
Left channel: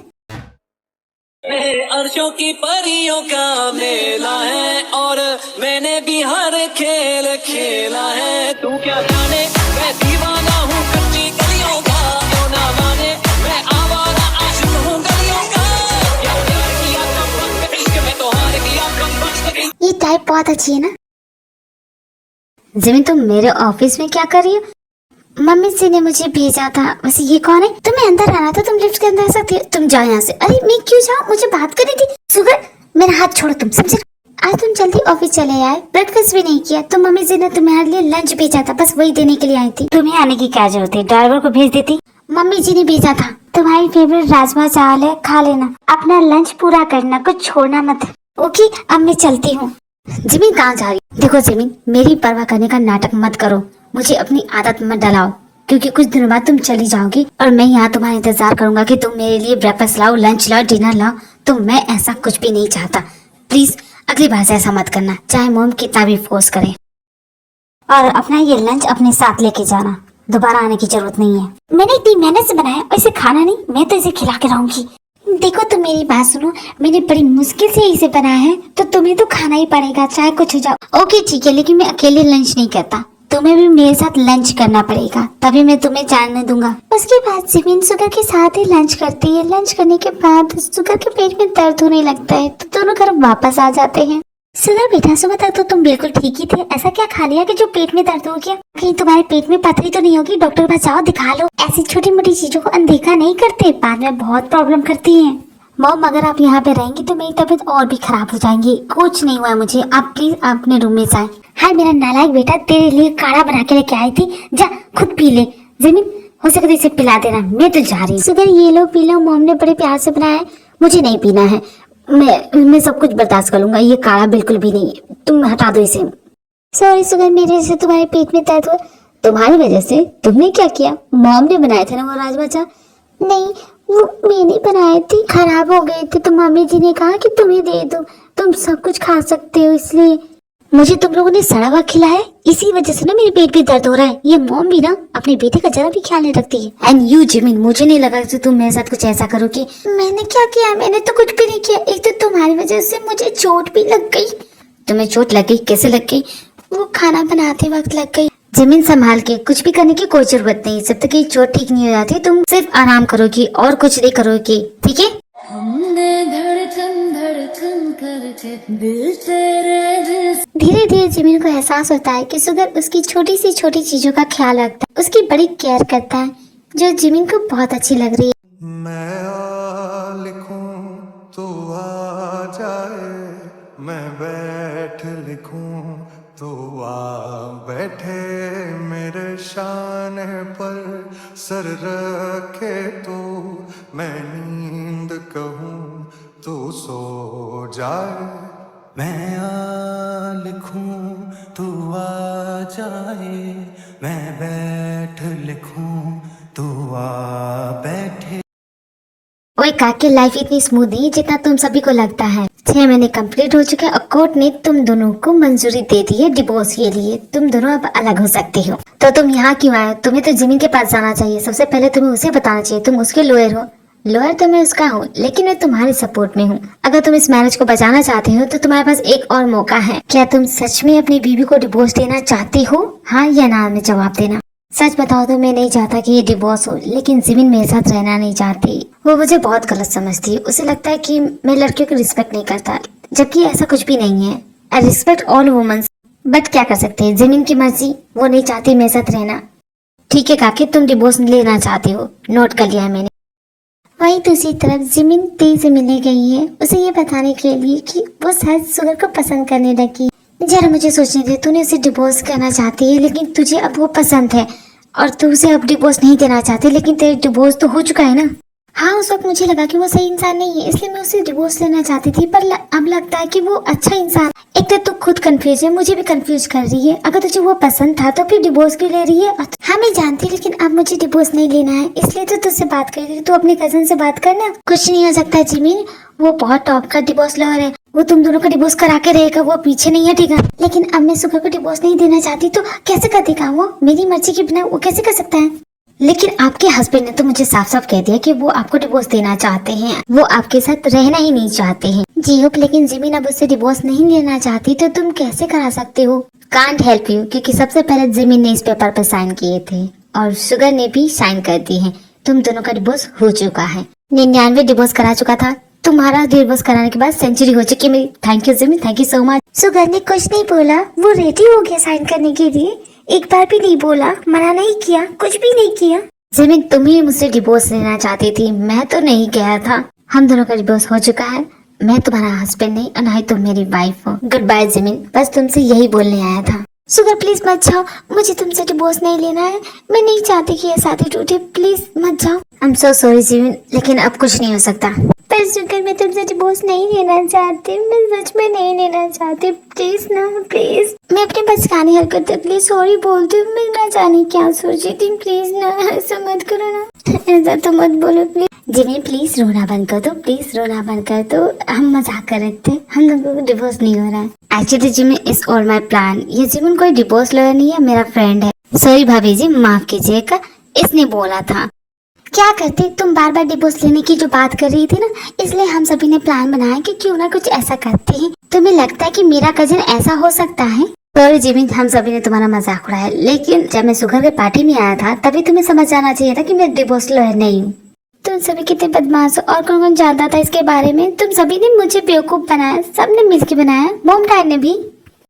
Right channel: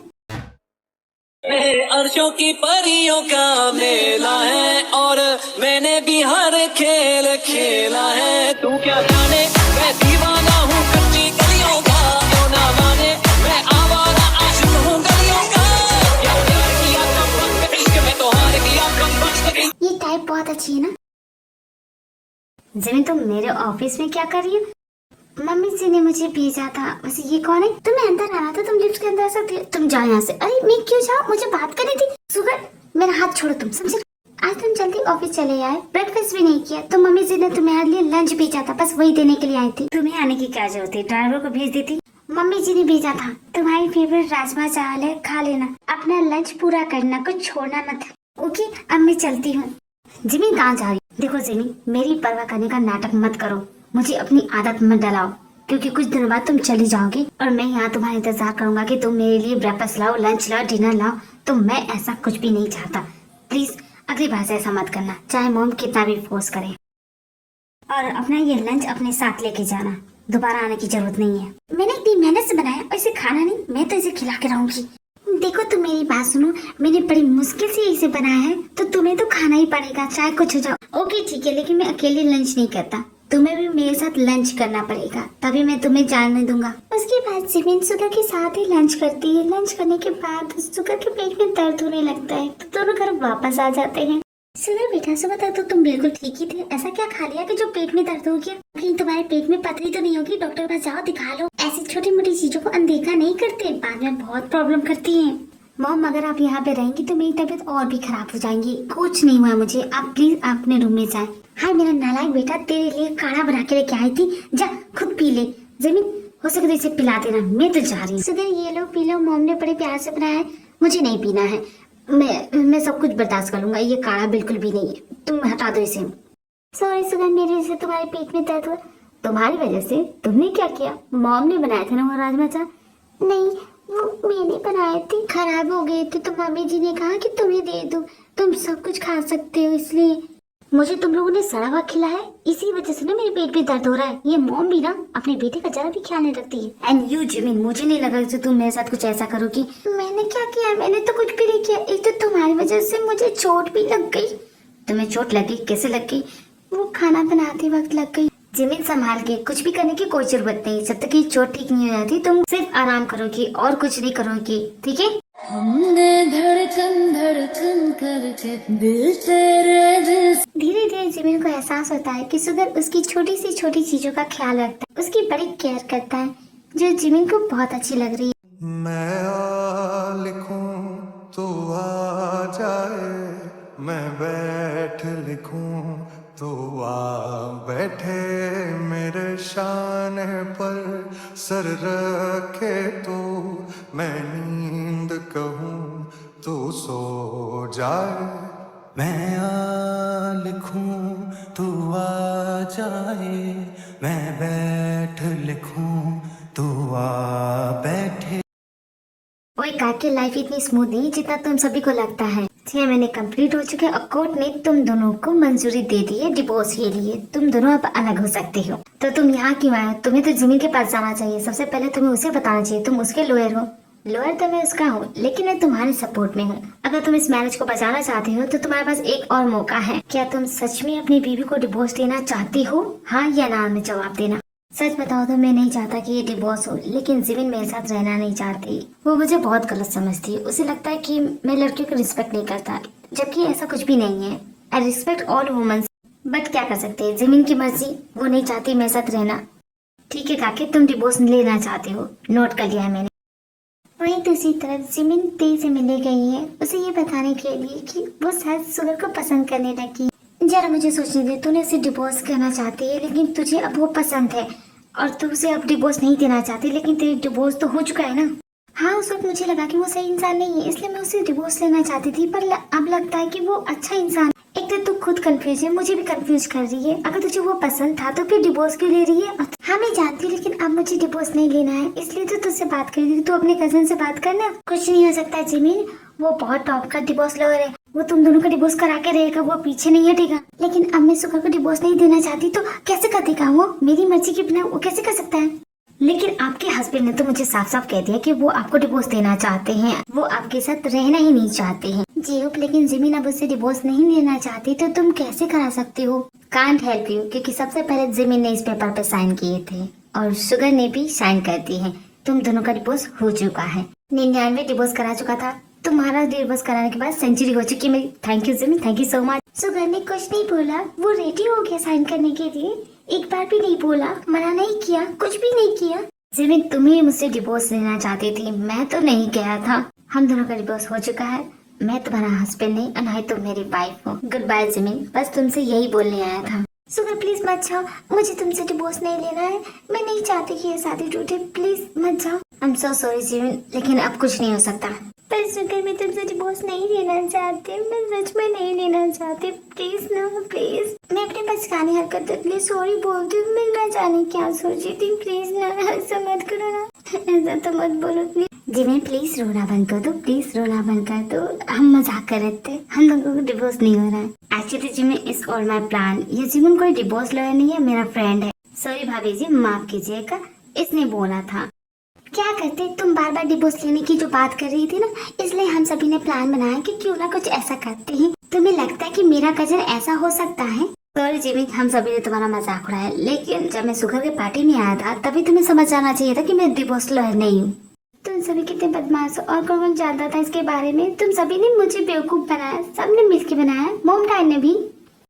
अर्शों की परियों का मेला है और मैंने भी हर खेल खेला है। तू क्या जाने मैं दीवाना हूँ कच्ची गलियों चाहिए ना। जिमी तुम मेरे ऑफिस में क्या कर रही हो? मम्मी जी ने मुझे भेजा था। वैसे ये कौन है? तुम्हें अंदर आना था, तुम लिफ्ट के अंदर आ सकती हो। तुम जाओ यहाँ से। अरे मैं क्यों जाऊँ? मुझे बात करनी थी। सुगर मेरा हाथ छोड़ो तुम, समझे? आज तुम जल्दी ऑफिस चले आए, ब्रेकफास्ट भी नहीं किया। तो मम्मी जी ने तुम्हारे लिए लंच भेजा था, बस वही देने के लिए आई थी। तुम्हें आने की क्या जरूरत है? ड्राइवर को भेज देती। मम्मी जी ने भेजा था। तुम्हारी फेवरेट राजमा चावल है, खा लेना। अपना लंच पूरा करना, कुछ छोड़ना मत। ओके अब मैं चलती हूँ। जिमी कहाँ जा रही? देखो जिमी, मेरी परवाह करने का नाटक मत करो, मुझे अपनी आदत मत डलाओ, क्योंकि कुछ दिनों बाद तुम चली जाओगी और मैं यहाँ तुम्हारा इंतजार करूंगा कि तुम मेरे लिए ब्रेकफास्ट लाओ, लंच लाओ, डिनर लाओ। तो मैं ऐसा कुछ भी नहीं चाहता। प्लीज अगली बार से ऐसा मत करना, चाहे मॉम कितना भी फोर्स करे। और अपना ये लंच अपने साथ लेके जाना, दोबारा आने की जरूरत नहीं है। मैंने इतनी मेहनत से बनाया, इसे खाना नहीं, मैं तो इसे खिला के रहूंगी। देखो तुम मेरी बात सुनो, मैंने बड़ी मुश्किल से इसे बनाया है, तो तुम्हें तो खाना ही पड़ेगा, चाहे कुछ हो जाओ। ओके ठीक है, लेकिन मैं अकेले लंच नहीं करता, तुम्हें भी मेरे साथ लंच करना पड़ेगा, तभी मैं तुम्हें जाने दूंगा। उसके बाद जिमिन सुगर के साथ ही लंच करती है। लंच करने के बाद सुगर के पेट में दर्द होने लगता है, तो दोनों घर वापस आ जाते हैं। सुगर बेटा, सुबह तक तो तुम बिल्कुल ठीक ही थे, ऐसा क्या खा लिया कि जो पेट में दर्द हो गया? कहीं तुम्हारे पेट में पथरी तो नहीं होगी? डॉक्टर पास जाओ, दिखा लो। ऐसी छोटी मोटी चीजों को अनदेखा नहीं करते, बाद में बहुत प्रॉब्लम करती है। मॉम अगर आप यहाँ पे रहेंगी तो मेरी तबीयत और भी खराब हो जाएंगी। कुछ नहीं हुआ मुझे, आप प्लीज अपने रूम में जाए। हाय मेरा नालायक बेटा, तेरे लिए काढ़ा बना के लेके आई थी, जा खुद पी ले। जिमिन हो सके तो इसे पिला देना, मैं तो जा रही। सुगर ये लो पी लो, मॉम ने बड़े प्यार से बनाया है, मुझे नहीं पीना है। मैं सब कुछ बर्दाश्त कर लूंगा, ये काढ़ा बिल्कुल भी नहीं, तुम हटा दो इसे। सॉरी सुगर, मेरे से तुम्हारे पेट में दर्द हुआ। तुम्हारी वजह से? तुमने क्या किया? मॉम ने बनाया था ना वो राजमा चावल। नहीं वो मैंने बनाए थे, खराब हो गए थे, तो मम्मी जी ने कहा कि तुम्हें दे दो, तुम सब कुछ खा सकते हो, इसलिए। मुझे तुम लोगों ने सड़ा हुआ खिलाया, इसी वजह से ना मेरे पेट में दर्द हो रहा है। ये मॉम भी ना अपने बेटे का जरा भी ख्याल नहीं रखती है। एंड यू जिमिन, मुझे नहीं लगा कि तुम मेरे साथ कुछ ऐसा करोगी। मैंने क्या किया? मैंने तो कुछ भी नहीं किया। एक तो तुम्हारी वजह से मुझे चोट भी लग गई। तुम्हें चोट लग गई? कैसे लग गई? वो खाना बनाते वक्त लग गई। जिमिन संभाल के, कुछ भी करने की कोई जरूरत नहीं, जब तक ये चोट ठीक नहीं हो जाती तुम सिर्फ आराम करोगी और कुछ नहीं करोगी, ठीक है? हमने धड़कन धड़कन करके दिल तेरे दिल। धीरे धीरे जिमिन को एहसास होता है कि सुगर उसकी छोटी सी छोटी चीजों का ख्याल रखता है, उसकी बड़ी केयर करता है, जो जिमिन को बहुत अच्छी लग रही है। मैं आ लिखूं तो आ जाए, मैं बैठ लिखूं तो आ बैठे, मेरे शान पर सर रखे तो मैं नींद कहूं तो सो जाए। मैं आ लिखूं तो आ जाए, मैं बैठ लिखूं तो आ बैठे। ओए काकी, लाइफ इतनी स्मूथ नहीं जितना तुम सभी को लगता है। 6 महीने कंप्लीट हो चुके हैं और कोर्ट ने तुम दोनों को मंजूरी दे दी है डिवोर्स के लिए। तुम दोनों अब अलग हो सकते हो। तो तुम यहाँ क्यों आए? तुम्हें तो जिमिन के पास जाना चाहिए। सबसे पहले तुम्हें उसे बताना चाहिए, तुम उसके लॉयर हो। लॉयर तो मैं उसका हूँ, लेकिन मैं तुम्हारे सपोर्ट में हूँ। अगर तुम इस मैरिज को बचाना चाहते हो तो तुम्हारे पास एक और मौका है। क्या तुम सच में अपनी बीवी को डिवोर्स देना चाहते हो? हाँ या ना में जवाब देना। सच बताओ तो मैं नहीं चाहता कि ये डिवोर्स हो, लेकिन जिमिन मेरे साथ रहना नहीं चाहती। वो मुझे बहुत गलत समझती है। उसे लगता है कि मैं लड़कियों को रिस्पेक्ट नहीं करता, जबकि ऐसा कुछ भी नहीं है। I respect all womens, but क्या कर सकते हैं, जिमिन की मर्जी, वो नहीं चाहती मेरे साथ रहना। ठीक है काकी, तुम डिवोर्स लेना चाहते हो, नोट कर लिया है मैंने। वहीं दूसरी तरफ जिमिन ती से मिलने गई है, उसे ये बताने के लिए कि वो शायद सुगर को पसंद करने लगी। जरा मुझे सोचने दे, तूने उसे डिवोर्स करना चाहती है, लेकिन तुझे अब वो पसंद है, और तू उसे अब डिवोर्स नहीं देना चाहती, लेकिन तेरा डिवोर्स तो हो चुका है ना। हाँ उस वक्त मुझे लगा कि वो सही इंसान नहीं है, इसलिए मैं उसे डिवोर्स लेना चाहती थी, पर अब लगता है कि वो अच्छा इंसान। एक तो तू खुद कंफ्यूज है, मुझे भी कंफ्यूज कर रही है। अगर तुझे वो पसंद था तो फिर डिवोर्स क्यों ले रही है? हाँ मैं जानती, लेकिन अब मुझे डिवोर्स नहीं लेना है, इसलिए तो तुझसे बात कर रही थी। तू अपने कजन से बात करना। कुछ नहीं हो सकता जिमिन, वो बहुत टॉप का डिवोर्स लॉयर है, वो तुम दोनों का डिवोर्स करा के रहेगा, वो पीछे नहीं हटेगा। लेकिन अब मैं सुगर को डिवोर्स नहीं देना चाहती तो कैसे कर देगा वो? मेरी मर्जी के बिना वो कैसे कर सकता है? लेकिन आपके हस्बैंड ने तो मुझे साफ साफ कह दिया कि वो आपको डिवोर्स देना चाहते हैं, वो आपके साथ रहना ही नहीं चाहते हैं। जी होप, लेकिन जिमिन अब उससे डिवोर्स नहीं लेना चाहती, तो तुम कैसे करा सकते हो? कांट हेल्प यू, क्योंकि सबसे पहले जिमिन ने इस पेपर पे साइन किए थे और शुगर ने भी साइन कर दिए हैं। तुम दोनों का डिवोर्स हो चुका है। 99 डिवोर्स करा चुका था, तुम्हारा डिवोर्स कराने के बाद सेंचुरी हो चुकी है मेरी। Thank you Jimin, thank you so much. Sugar ने कुछ नहीं बोला, वो रेडी हो गया साइन करने के लिए। एक बार भी नहीं बोला, मना नहीं किया, कुछ भी नहीं किया। जिमिन तुम ही मुझसे डिवोर्स लेना चाहती थी, मैं तो नहीं गया था। हम दोनों का डिवोर्स हो चुका है। मैं तुम्हारा हस्बैंड नहीं और ना ही तुम मेरी वाइफ हो। गुड बाय जिमिन, बस तुमसे यही बोलने आया था। सुगर प्लीज मत जाओ, मुझे तुमसे डिवोर्स नहीं लेना है। मैं नहीं चाहती कि ये शादी टूटे, प्लीज मत जाओ। I am so sorry Jimin, लेकिन अब कुछ नहीं हो सकता। पर सुगर मैं तुमसे डिवोर्स नहीं लेना चाहती, मैं सच में नहीं लेना चाहती। प्लीज ना, प्लीज। मैं अपनी बचकानी हरकतों के लिए सॉरी बोलती हूँ। मैं ना जाने क्या सोची थी। प्लीज ना, ऐसा मत करो ना, ऐसा तो मत बोलो प्लीज। जिमिन प्लीज रोना बंद कर दो, प्लीज रोना बंद कर दो। हम मजाक कर रहे थे, हम लोगों को डिवोर्स नहीं हो रहा है। Actually Jimin is all my plan. ये जिमिन कोई डिवोर्स लॉयर नहीं है, मेरा फ्रेंड है। सॉरी भाभी जी, माफ कीजिएगा, इसने बोला था। क्या करते, तुम बार बार डिवोर्स लेने की जो बात कर रही थी ना, इसलिए हम सभी ने प्लान बनाया कि क्यों ना कुछ ऐसा करते हैं। तुम्हें लगता है कि मेरा कजन ऐसा हो सकता है? सॉरी जिमिन, हम सभी ने तुम्हारा मजाक उड़ाया, लेकिन जब मैं सुगर के पार्टी में आया था तभी तुम्हें समझ आना चाहिए था कि मैं डिवोर्स लॉयर नहीं हूँ। तुम सभी कितने बदमाश हो और कौन कौन जानता था इसके बारे में। तुम सभी ने मुझे बेवकूफ बनाया, सबने मिलकर बनाया, मॉम डैड ने भी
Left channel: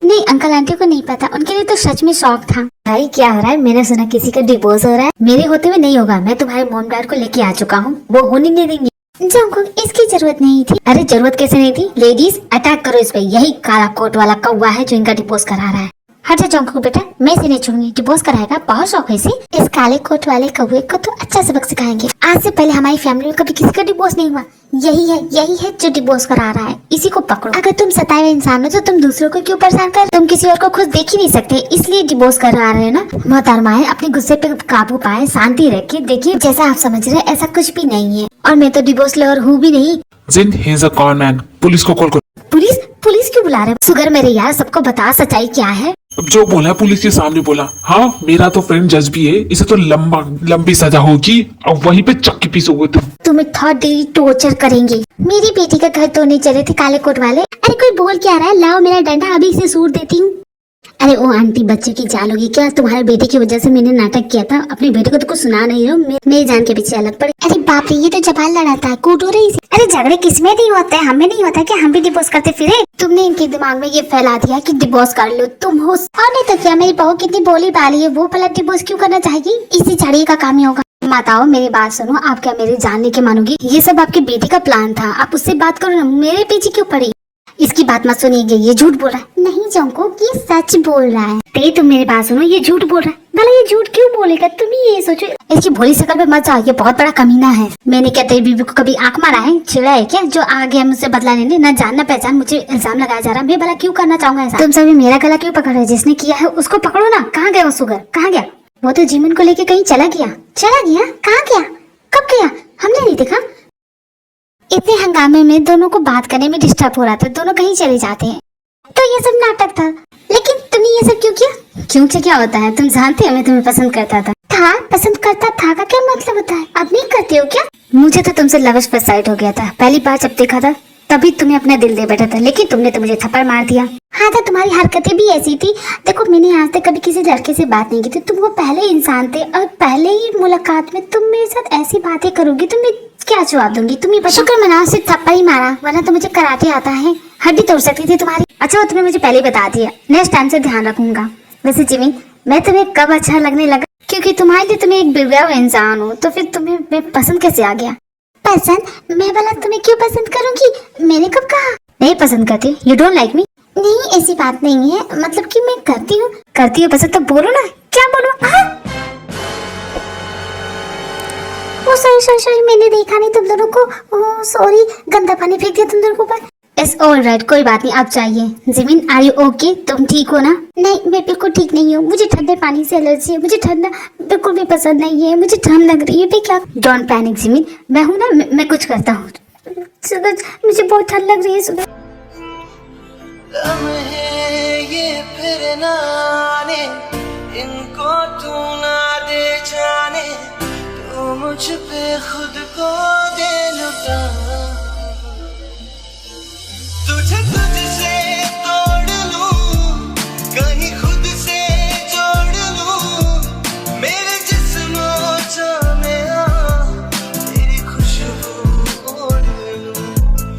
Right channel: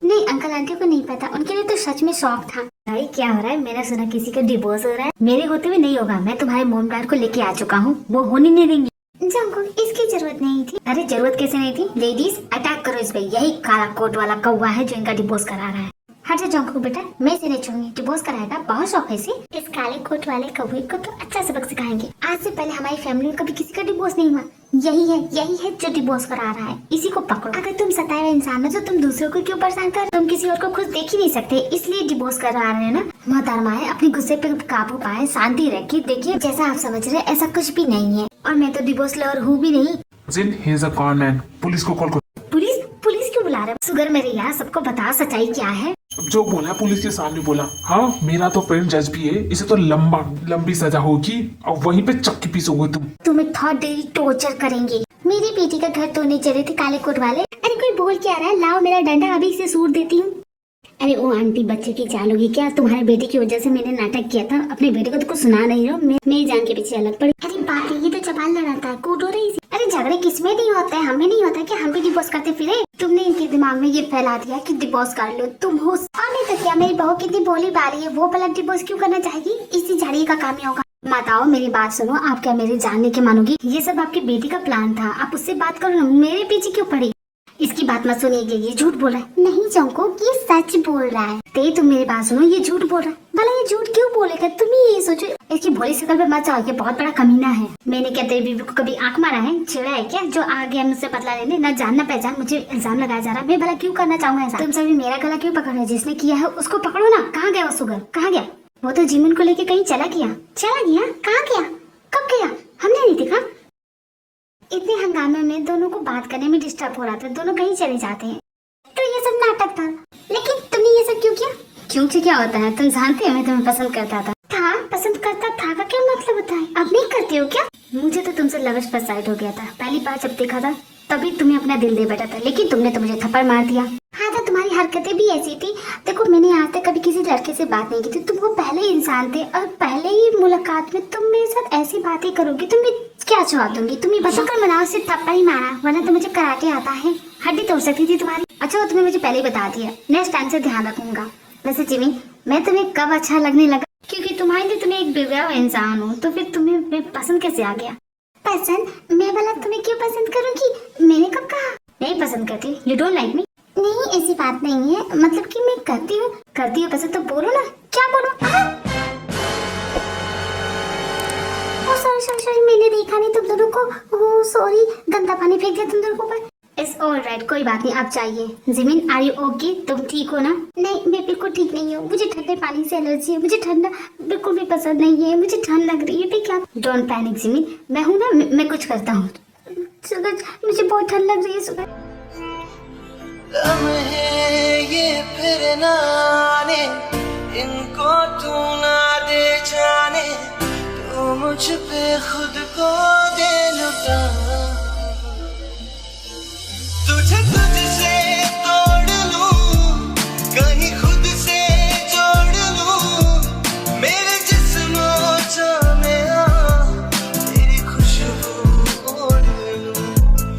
नहीं। अंकल आंटी को नहीं पता, उनके लिए तो सच में शौक था। भाई क्या हो रहा है? मैंने सुना किसी का डिवोर्स हो रहा है। मेरे होते हुए नहीं होगा। मैं तुम्हारे मॉम डैड को लेके आ चुका हूँ, वो होने नहीं देंगे। जंकुक, इसकी जरूरत नहीं थी। अरे जरूरत कैसे नहीं थी? लेडीज अटैक करो इस पे, यही काला कोट वाला कौवा है जो इनका डिवोर्स करा रहा है। हट जा जंकुक बेटा, मैं इसे नहीं छोड़ूंगी। डिवोर्स कराएगा, बहुत शौक है इसे। इस काले कोट वाले कौवे को तो अच्छा सबक सिखाएंगे। आज से पहले हमारी फैमिली में कभी किसी का डिवोर्स नहीं हुआ। यही है जो डिवोर्स करा रहा है, इसी को पकड़ो। अगर तुम सताए हुए इंसान हो तो तुम दूसरों को क्यों परेशान कर? तुम किसी और को खुद देख ही नहीं सकते, इसलिए डिवोर्स करा रहे हो ना। मोहतरमा है, अपने गुस्से पे काबू पाए, शांति रखे। देखिए जैसा आप समझ रहे हैं ऐसा कुछ भी नहीं है, और मैं तो डिवोर्स लवर हूँ भी नहीं। Jin he is a con man, police को कॉल करो। पुलिस? पुलिस क्यों बुला रहे हो? सुगर मेरे यार, सबको बता सच्चाई क्या है। अब जो बोला है पुलिस के सामने बोला। हाँ, मेरा तो फ्रेंड जज भी है, इसे तो लंबी सजा होगी और वहीं पे चक्की पीसोगे तुम। तुम्हें थर्ड डिग्री टॉर्चर करेंगे। मेरी बेटी का घर तोड़ने चले थे काले कोट वाले। अरे कोई बोल क्या रहा है? लाओ मेरा डंडा, अभी इसे सूट देती हूँ। अरे ओ आंटी, बच्चे की जान होगी क्या? तुम्हारे बेटे की वजह से मैंने नाटक किया था। अपने बेटे को तो कुछ सुना नहीं हो, मेरी जान के पीछे अलग पड़े। अरे बाप रे, ये तो जबान लड़ाता है, कूट हो रही है। अरे झगड़े किसमें नहीं होते हैं? हमें नहीं होता कि हम भी डिवोर्स करते फिरे? तुमने इनके दिमाग में ये फैला दिया कि डिवोर्स कर लो तुम हो। और नहीं तो क्या, मेरी बहू कितनी बोली बाली है, वो भला डिवोर्स क्यों करना चाहेगी? इसी छड़ी का काम ही होगा। माताओ मेरी बात सुनो, आप क्या मेरी जानने की मानोगी? ये सब आपके बेटे का प्लान था, आप उससे बात करो ना, मेरे पीछे क्यों पड़ी? इसकी बात मत सुनिएगा, ये झूठ बोल रहा है। नहीं जंकुक, ये सच बोल रहा है। ते तुम मेरी बात सुनो, ये झूठ बोल रहा है। भला ये झूठ क्यों बोलेगा? तुम ही ये सोचो। इसकी भोली शकल पे मत जाओ, ये बहुत बड़ा कमीना है। मैंने क्या तेरी बीवी को कभी आंख मारा है, छिड़ा है क्या जो आ गया मुझसे बदला लेने? न जान न पहचान मुझे इल्जाम लगाया जा रहा है। मैं भला क्यों करना चाहूंगा ऐसा? तुम सभी मेरा गला क्यों पकड़ रहे? जिसने किया है उसको पकड़ो ना। कहाँ गया वो सुगर, कहाँ गया? वो तो जिमिन को लेके कहीं चला गया। चला गया? कहाँ गया? कब गया? हमने नहीं देखा। इतने हंगामे में दोनों को बात करने में डिस्टर्ब हो रहा था, दोनों कहीं चले जाते हैं। तो ये सब नाटक था, लेकिन तुमने ये सब क्यों किया? क्यों से क्या होता है? तुम जानते हो मैं तुम्हें पसंद करता था। पसंद करता था का क्या मतलब होता है? अब नहीं करते हो क्या? मुझे तो तुमसे लव फर्स्ट साइट हो गया था। पहली बार जब देखा था तभी तुम्हें अपना दिल दे बैठा था, लेकिन तुमने तो मुझे थप्पड़ मार दिया। हाँ तो तुम्हारी हरकतें भी ऐसी थी। देखो मैंने आज तक कभी किसी लड़के से बात नहीं की थी, तुम वो पहले इंसान थे और पहले ही मुलाकात में तुम मेरे साथ ऐसी बातें करोगी तो मैं क्या जवाब दूंगी? तुम ये शुक्र मनाओ सिर्फ थप्पड़ ही मारा, वरना तो मुझे कराटे आता है, हड्डी तोड़ सकती थी तुम्हारी। अच्छा वो तुमने मुझे पहले ही बता दिया, नेक्स्ट टाइम से ध्यान रखूंगा। वैसे जिमी, मैं तुम्हें कब अच्छा लगने लगा? क्योंकि तुम्हारे लिए तुम्हें एक बिगड़ा हुआ इंसान हो, तो फिर तुम्हें मैं पसंद कैसे आ गया? पसंद? मैं भला तुम्हें क्यों पसंद करूंगी? मैंने कब कहा? नहीं पसंद करती, यू डोंट लाइक मी? नहीं ऐसी बात नहीं है, मतलब कि मैं करती हूँ पसंद, तो बोलो ना। क्या बोलो? सॉरी मैंने देखा नहीं तुम दोनों को। सॉरी, गंदा पानी फेंक दिया तुम दोनों को ऊपर। इट्स ऑल राइट, कोई बात नहीं, आप चाहिए। Jimin are you okay? तुम ठीक हो ना? नहीं मैं बिल्कुल ठीक नहीं हूँ, मुझे ठंडे पानी से एलर्जी है, मुझे ठंडा बिल्कुल भी पसंद नहीं है, मुझे ठंड लग रही है। क्या? डोंट पैनिक जिमिन, मैं हूँ ना, मैं कुछ करता हूँ। सुबह मुझे बहुत ठंड लग रही है। सुबह ये फिर ना आने, इनको तू ना दे जाने, तू मुझ पे खुद को दे लुटा। तुझे तुझसे तोड़ लूं, कहीं खुद से जोड़ लूं, मेरे जिस्म जाने तेरी खुशबू ओढ़ लूं।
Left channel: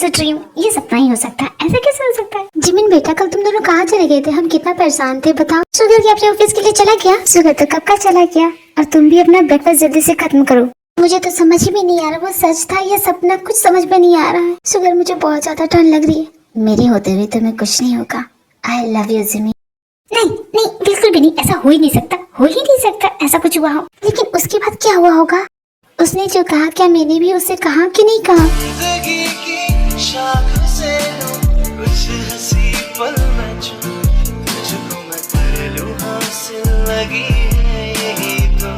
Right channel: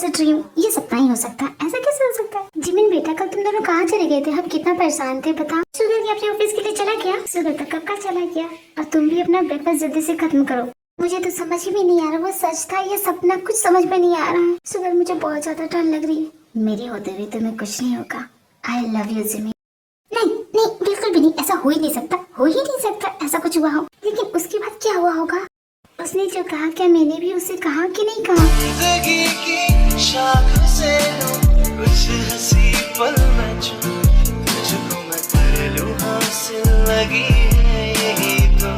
इट्स अ ड्रीम, ये सपना ही हो सकता है, ऐसा कैसे हो सकता है? जिमिन बेटा कल तुम दोनों कहाँ चले गए थे? हम कितना परेशान थे बताओ। सुगर क्या अपने ऑफिस के लिए चला गया? सुगर तो कब का चला गया। और तुम भी अपना ब्रेकफास्ट जल्दी से खत्म करो। मुझे तो समझ ही में नहीं आ रहा वो सच था या सपना, कुछ समझ में नहीं आ रहा है। सुगर मुझे बहुत ज्यादा ठंड लग रही है। मेरे होते हुए तुम्हें कुछ नहीं होगा। I love you Jimmy. नहीं नहीं बिल्कुल भी नहीं, ऐसा हो ही नहीं सकता, हो ही नहीं सकता ऐसा कुछ हुआ हो। लेकिन उसके बाद क्या हुआ होगा? उसने जो कहा क्या मैंने भी उससे कहा कि नहीं कहा? जिंदगी की शाख से कुछ हंसी पल में तुझको मैं कर लूं हासिल, लगी है यही तो।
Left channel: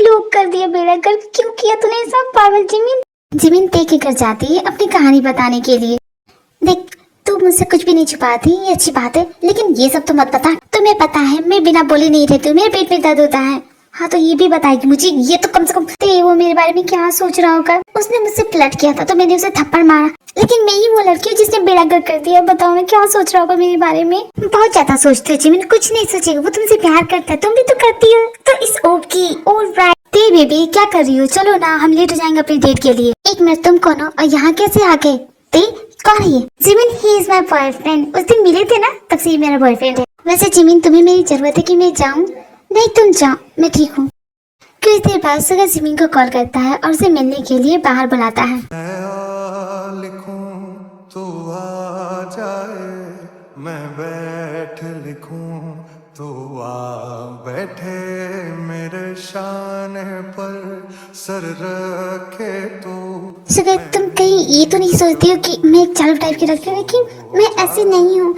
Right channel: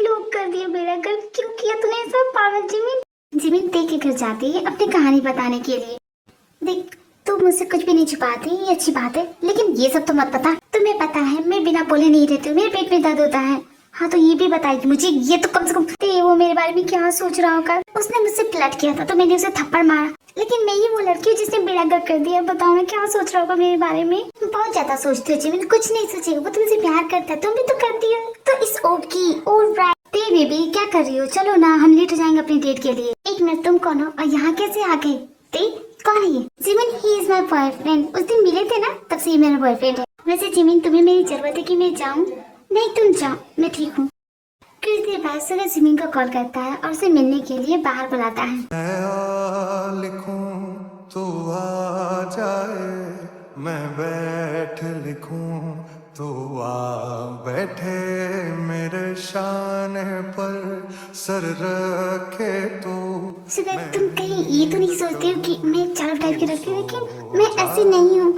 लोग कर दिया बेड़ा कर, क्यों किया तूने सब पागल जिमिन? जिमिन ते के घर जाती है अपनी कहानी बताने के लिए। देख तू मुझसे कुछ भी नहीं छुपाती, ये अच्छी बात है, लेकिन ये सब तो मत बता। तुम्हें पता है मैं बिना बोले नहीं रहती हूँ, मेरे पेट में दर्द होता है। हाँ तो ये भी बता कि मुझे ये तो कम से कम वो मेरे बारे में क्या सोच रहा होगा। उसने मुझसे फ्लर्ट किया था तो मैंने उसे थप्पड़ मारा, लेकिन मैं ही वो लड़की हूँ जिसने बेड़ा गर्क कर दिया। बताओ मैं क्या सोच रहा होगा मेरे बारे में? बहुत ज्यादा सोचते हो जिमिन, कुछ नहीं सोचेगा, वो तुमसे प्यार करता है, तुम भी तो करती हो। तो इस ओके ऑलराइट। ते बेबी क्या कर रही हो? चलो ना हम लेट हो जाएंगे अपने डेट के लिए। एक मिनट तुम कौन हो और यहाँ कैसे आ गए? ते कौन है ये? Jimin he is my boyfriend. उस दिन मिले थे ना तब से ये मेरा बॉयफ्रेंड है। वैसे जिमिन तुम्हें मेरी जरूरत है कि मैं जाऊँ? नहीं तुम जाओ, मैं ठीक हूँ। कुछ देर बाद सुगर जिमिन को कॉल करता है और उसे मिलने के लिए बाहर बुलाता है। मैं लिखूं तो आ जाए, मैं बैठ लिखूं तो आ बैठे, मेरे शान पर सर रखे तो। सुगर तुम कहीं ये तो नहीं सोचती हो कि मैं एक चालू टाइप की लगती हूँ? लेकिन मैं ऐसी नहीं हूँ।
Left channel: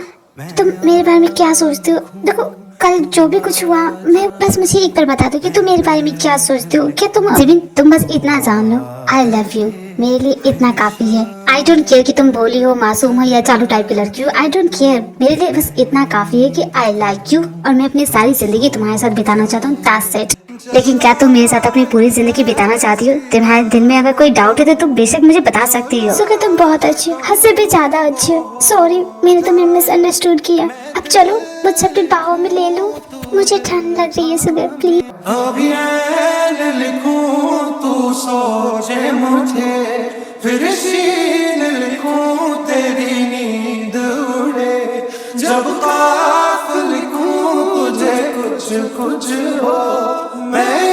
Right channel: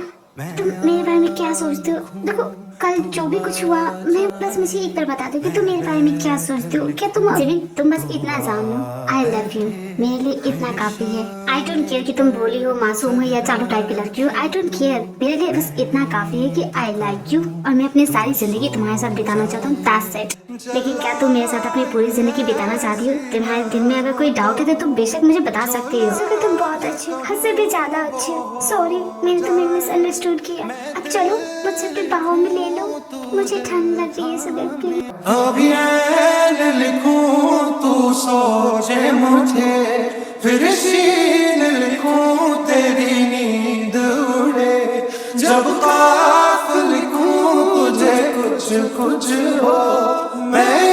तुम मेरे बारे में क्या सोचते हो? देखो कल जो भी कुछ हुआ, मैं बस मुझे एक बार बता दो कि तुम मेरे बारे में क्या सोचते हो। क्या तुम जिमिन तुम बस इतना जान लो, आई लव यू, मेरे लिए इतना काफी है। आई डोंट केयर कि तुम भोली हो, मासूम हो या चालू टाइप की लड़की हो। आई डोंट केयर, मेरे लिए बस इतना काफी है कि आई लाइक यू और मैं अपनी सारी जिंदगी तुम्हारे साथ बिताना चाहता हूँ। That's it. लेकिन क्या तुम मेरे साथ अपनी पूरी जिंदगी बिताना चाहती हो? तुम्हारे दिल में अगर कोई डाउट है तो तुम बेशक मुझे बता सकती हो। सुगर तुम बहुत अच्छी हो, हद से भी ज्यादा अच्छी हो। सॉरी मैंने तुम्हें मिसअंडरस्टूड किया। अब चलो मुझसे अपनी बाहों में ले लो, मुझे ठंड लग रही है। Sugar please. अभी ऐन लिखूं तू सोचे मुझे, फिर शीन लिखूं तेरी नींद उड़े, जब काफ लिखूं तुझे कुछ कुछ हो, मैं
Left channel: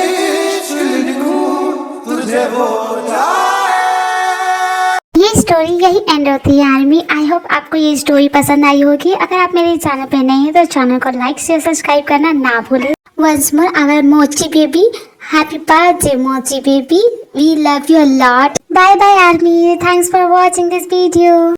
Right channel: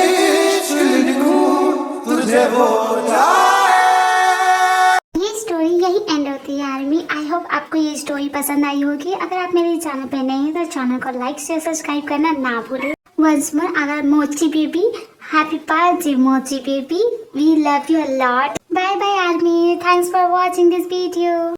इश्क लिखूं तुझे वो जाए। ये स्टोरी यही एंड होती है आर्मी। आई होप आपको ये स्टोरी पसंद आई होगी। अगर आप मेरे चैनल पे नए हैं तो चैनल को लाइक शेयर सब्सक्राइब करना ना भूलें। वंस मोर, अगर Mochi baby, happy birthday Mochi baby, we love you a lot. Bye bye army, thanks for watching this video.